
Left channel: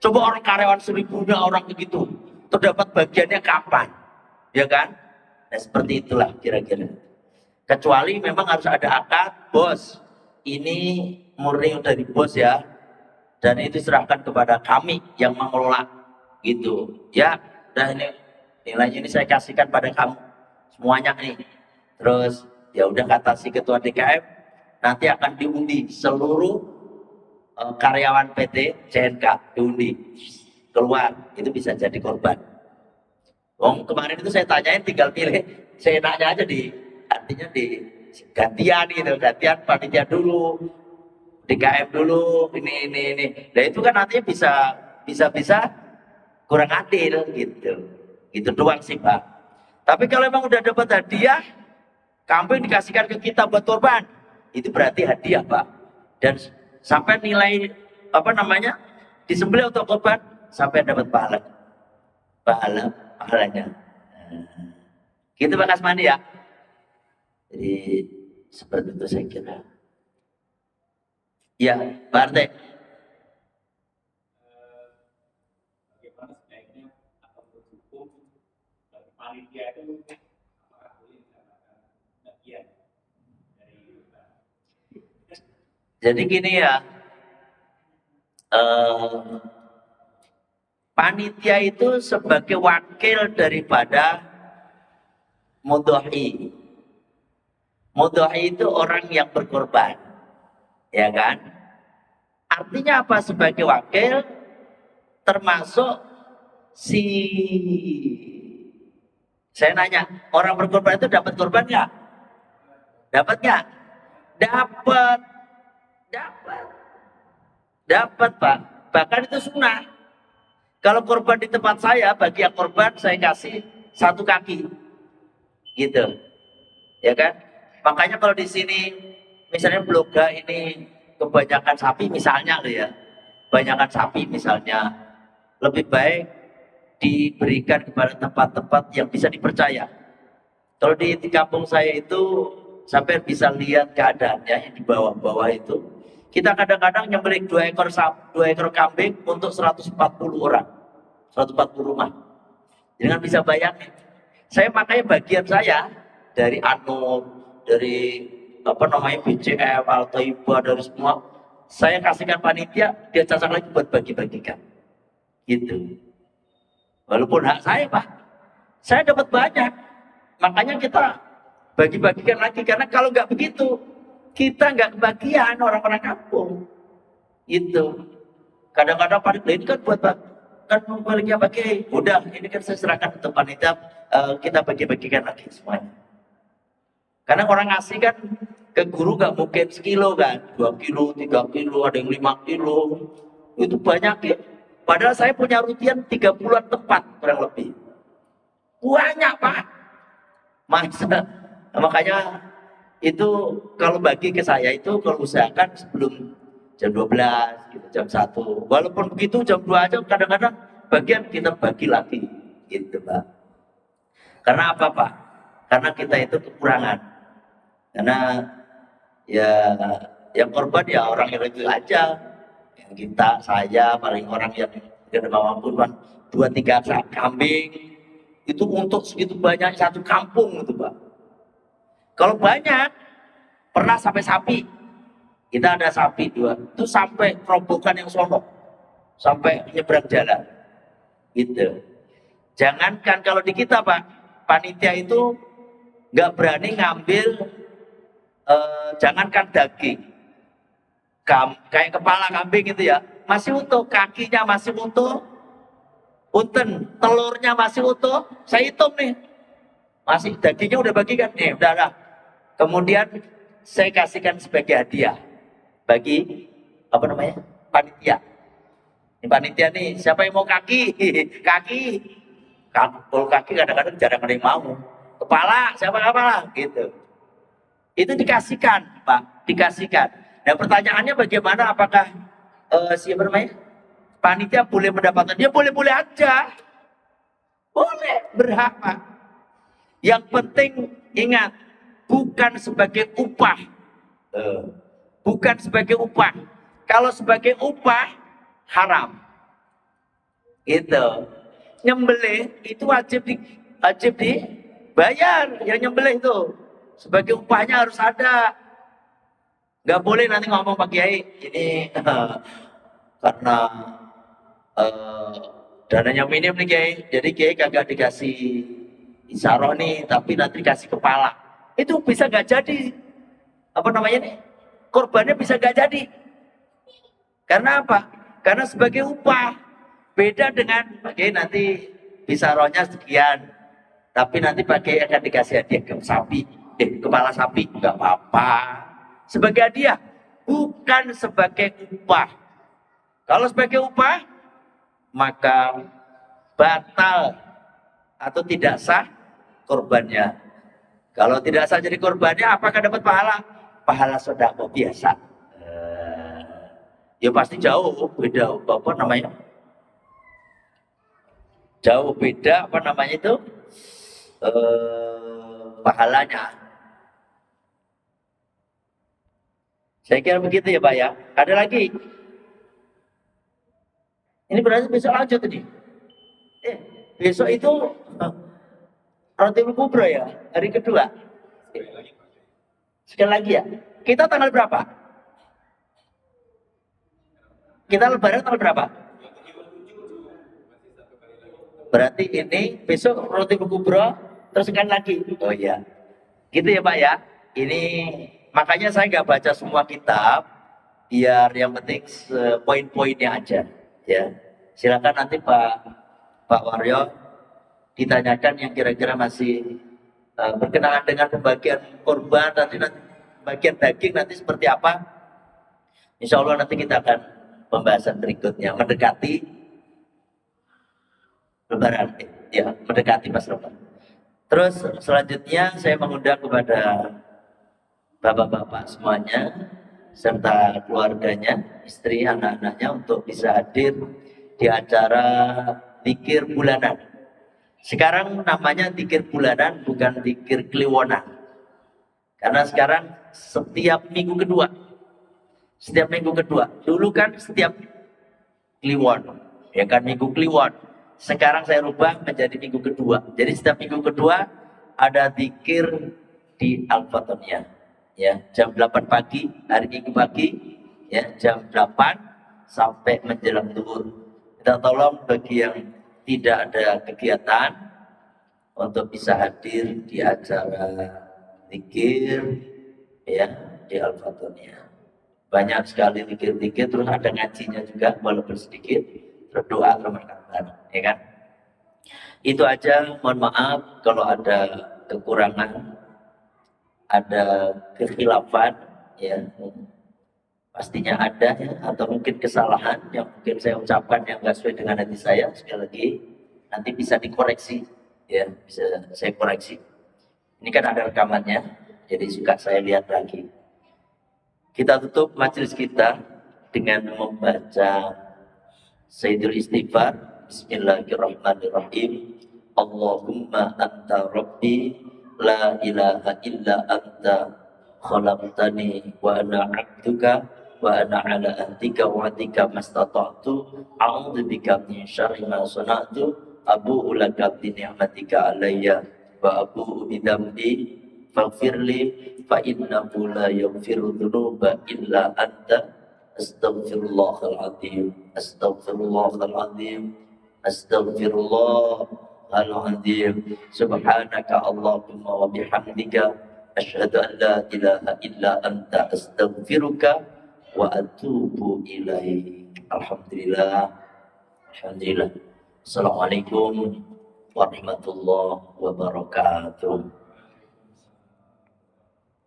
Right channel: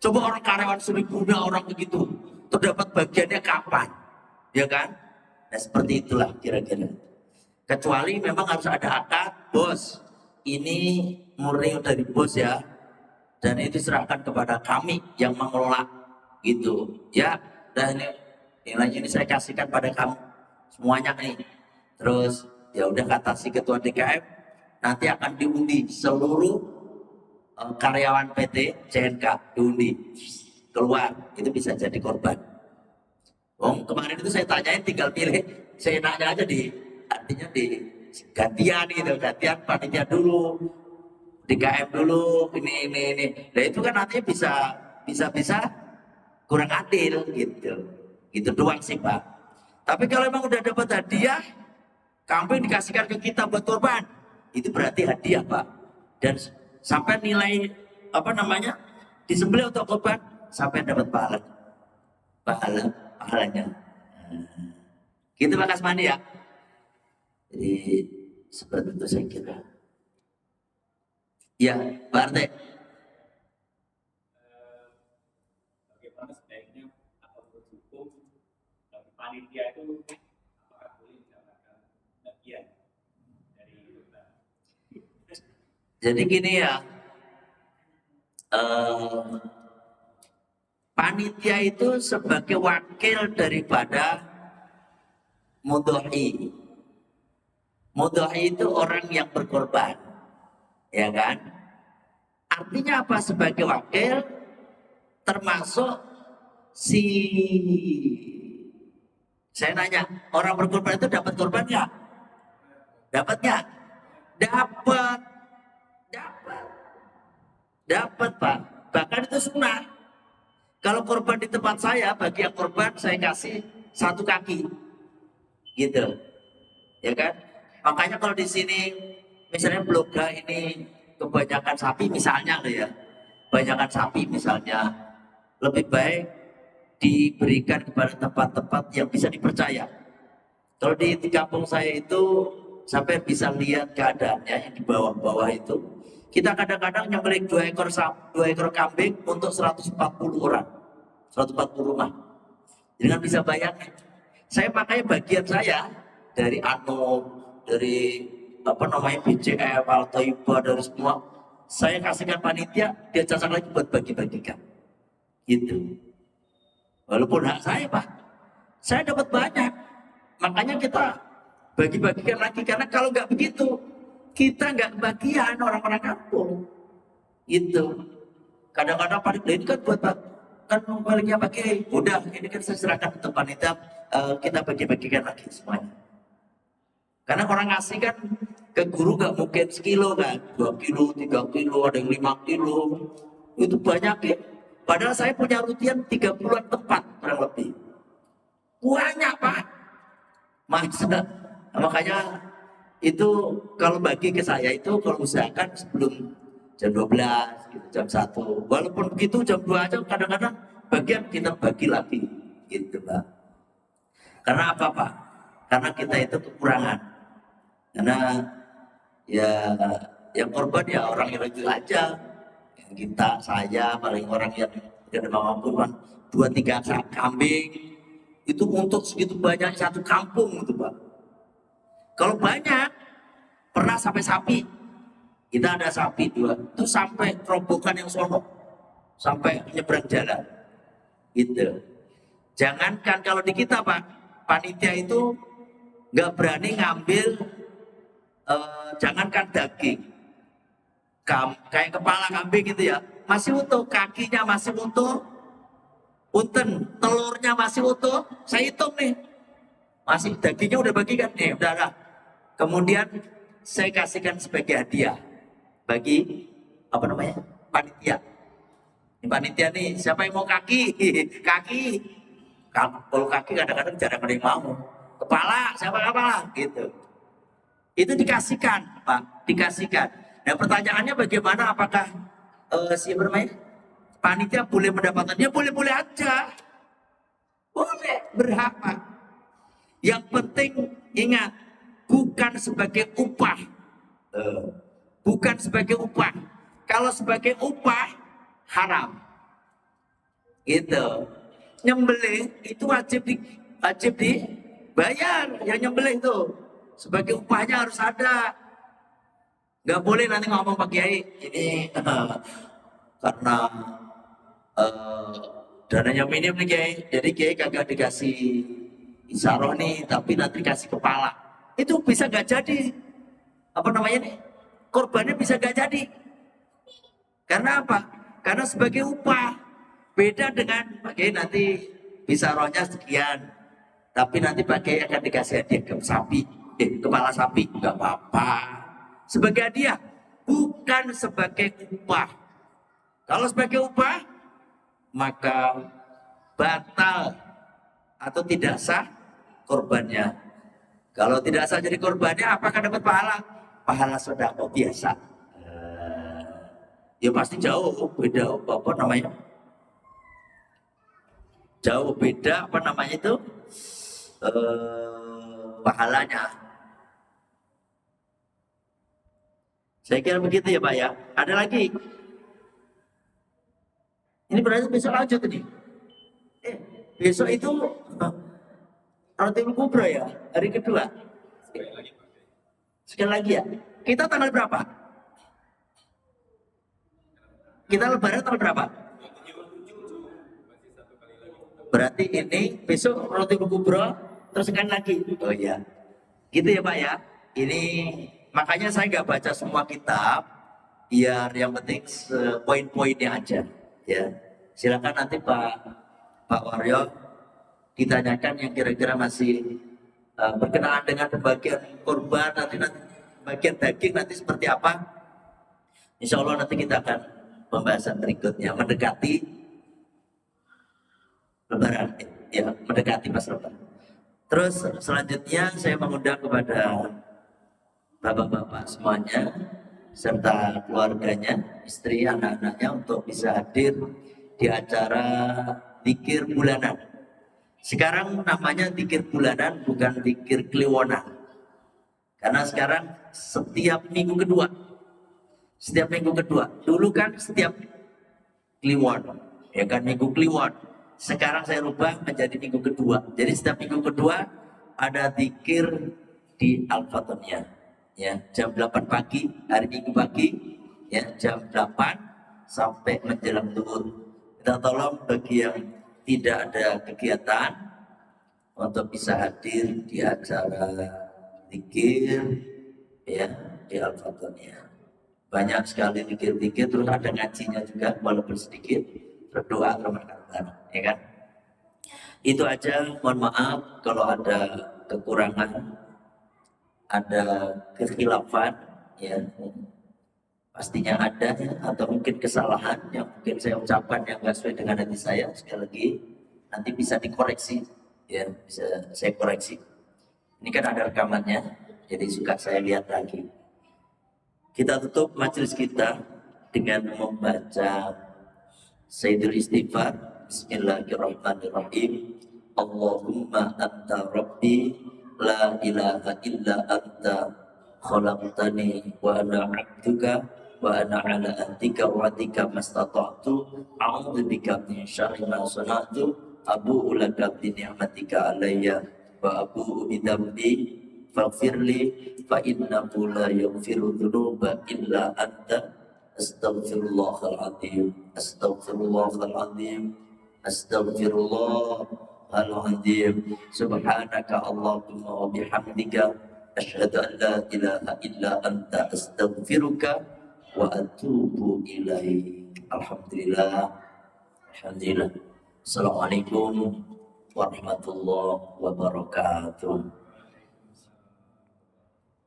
Coba orang karyawan 1.000 orang begitu, terdapat bagiannya kapan? Ya kan? Nah seperti itulah kira-kira. Kecuali memang harus ada akad, bos. Ini murni dari bos ya. Dan itu serahkan kepada kami yang mengelola. Gitu. Ya, dan nilainya ini saya kasihkan pada kamu. Semuanya nih. Terus ya udah kata si ketua DKM, nanti akan diundi seluruh karyawan PT CNK diundi keluar, itu bisa jadi korban. Kemarin itu saya tanyain tinggal pilih, saya nanya aja artinya di gantian gitu, gantian panitia dulu DKM dulu, ini. Nah itu kan nantinya bisa kurang adil gitu. Itu doang sih Pak. Tapi kalau emang udah dapat hadiah, kambing dikasihkan ke kita buat korban, itu berarti hadiah Pak. Dan sampai nilai apa namanya disembelih untuk korban sampai dapat pahalanya. Gitu Pak Kasmani ya. Jadi seperti itu saya kira. Ya, Pak Arte. Bagaimana sebaiknya atau berhukum bagi panitia itu apakah boleh mendapatkan bagian dari Jadi gini ya, panitia itu sebagai wakil daripada mudho'i. Mudho'i itu orang yang berkorban, ya kan? Artinya apa sebagai wakil? Termasuk si saya nanya, orang berkorban itu dapat korban nggak? Dapat nggak? Dapat, dapat Pak. Bahkan itu sunnah. Kalau korban di tempat saya, bagi yang korban saya kasih 1 kaki, gitu, ya kan? Makanya kalau di sini, misalnya Blok G ini kebanyakan sapi misalnya loh ya, kebanyakan sapi misalnya, lebih baik diberikan kepada tempat-tempat yang bisa dipercaya. Kalau di kampung saya itu sampai bisa lihat keadaannya yang di bawah-bawah itu. Kita kadang-kadang nyembelih 2 ekor kambing untuk 140 orang, 140 rumah. Dengan bisa bayangin. Saya makanya bagian saya dari dari apa namanya BCM, Al-Taibah, dari semua saya kasihkan panitia, dia cacat lagi buat bagi-bagikan. Gitu. Walaupun hak saya Pak, saya dapat banyak. Makanya kita bagi-bagikan lagi, karena kalau nggak begitu kita nggak kebagian orang-orang kampung. Itu kadang-kadang panitia ini kan buat kan memiliki bagi, udah ini kan saya serahkan ke panitia, kita bagi-bagikan lagi semuanya. Karena orang ngasih kan ke guru nggak mungkin sekilo kan, 2 kilo, 3 kilo, ada yang 5 kilo, itu banyak ya. Padahal saya punya rutian 30-an tempat kurang lebih. Banyak Pak. Masa, makanya itu kalau bagi ke saya itu kalau usahakan sebelum jam 12, gitu, jam 1. Walaupun begitu jam 2 aja kadang-kadang bagian kita bagi lagi. Gitu Pak. Karena apa Pak? Karena kita itu kekurangan. Karena ya yang korban ya orang yang itu aja. Yang kita, saya, paling orang yang tidak mampu kan 2-3 kambing itu untuk segitu banyak 1 kampung itu Pak. Kalau banyak pernah sampai sapi, kita ada sapi 2 itu sampai robokan yang sono, sampai nyebrang jalan gitu. Jangankan kalau di kita Pak, panitia itu nggak berani ngambil, jangankan daging, kayak kepala kambing itu ya masih utuh, kakinya masih utuh, punten, telurnya masih utuh, saya hitung nih, masih dagingnya udah bagikan nih, udah. Kemudian saya kasihkan sebagai hadiah bagi apa namanya panitia. Ini panitia nih, siapa yang mau kaki? Kalau kaki kadang-kadang jarang ada yang mau. Kepala, siapa kepala? Gitu. Itu dikasihkan, Pak, dikasihkan. Nah pertanyaannya bagaimana? Apakah siapa namanya panitia boleh mendapatkan? Dia boleh-boleh aja, boleh, berhak Pak. Yang penting ingat, bukan sebagai upah, bukan sebagai upah. Kalau sebagai upah haram. Gitu. Nyembelih itu wajib dibayar. Yang nyembelih itu sebagai upahnya harus ada. Nggak boleh nanti ngomong Pak Kiai ini karena dananya minim nih Kiai, jadi Kiai kagak dikasih isaroh nih, tapi nanti dikasih kepala. Itu bisa nggak jadi apa namanya nih, korbannya bisa nggak jadi. Karena apa? Karena sebagai upah. Beda dengan pakai nanti bisa rohnya sekian, tapi nanti pakai akan dikasih hadiah ke sapi, kepala sapi nggak apa-apa sebagai hadiah. bukan sebagai upah. Kalau sebagai upah, maka batal atau tidak sah korbannya. Kalau tidak sah jadi korbannya, apakah dapat pahala? Pahala sedekah biasa. Ya pasti jauh beda apa namanya? Jauh beda apa namanya itu? Pahalanya. Saya kira begitu ya Pak ya. Ada lagi? Ini berarti besok lanjut ini. Besok itu Rotiul Kubro ya, hari kedua. Sekali lagi ya. Kita tanggal berapa? Kita lebaran tanggal berapa? Berarti ini besok Rotiul Kubro, terus sekali lagi. Oh iya. Gitu ya Pak ya. Ini makanya saya nggak baca semua kitab, biar yang penting poin-poinnya aja. Ya, silakan nanti Pak Waryo ditanyakan yang kira-kira masih berkenaan dengan pembagian korban nanti bagian daging nanti seperti apa. Insya Allah nanti kita akan pembahasan berikutnya mendekati Lebaran, ya mendekati pas Lebaran. Terus selanjutnya saya mengundang kepada bapak-bapak semuanya serta keluarganya, istri, anak-anaknya untuk bisa hadir di acara zikir bulanan. Sekarang namanya zikir bulanan, bukan zikir kliwonan. Karena sekarang setiap minggu kedua. Dulu kan setiap kliwon, ya kan minggu kliwon. Sekarang saya rubah menjadi minggu kedua. Jadi setiap minggu kedua ada zikir di Al-Fatoniyah. Ya, jam 8 pagi, hari Minggu pagi, ya, jam 8 sampai menjelang zuhur. Kita tolong bagi yang tidak ada kegiatan untuk bisa hadir di acara zikir ya di Al-Fatoniyah. Banyak sekali zikir-zikir, terus ada ngajinya juga walaupun sedikit, berdoa Ramadan, ya kan? Itu aja, mohon maaf kalau ada kekurangan, ada kekhilafan, ya pastinya ada ya, atau mungkin kesalahan yang mungkin saya ucapkan yang nggak sesuai dengan hati saya. Sekali lagi nanti bisa dikoreksi, ya bisa saya koreksi. Ini kan ada rekamannya, jadi suka saya lihat lagi. Kita tutup majelis kita dengan membaca Sayyidul Istighfar. Bismillahirrahmanirrahim. Allahumma anta rabbi la ilaha illa anta khalaqtani wa ana 'abduka wa ana 'ala ahdika wa wa'dika mastata'tu a'udzu bika min syarri ma sana'tu abu'u laka bi ni'matika 'alayya wa abu'u bi dzambi faghfirli fa innahu la yaghfiru dzunuba illa anta astaghfirullahal azim astaghfirullahal azim astaghfirullahal azim subhanaka allahumma wa bihamdika asyhadu an la ilaha illa anta astaghfiruka wa atubu ilaik. Alhamdulillah. Alhamdulillah. Assalamualaikum warahmatullahi wabarakatuh.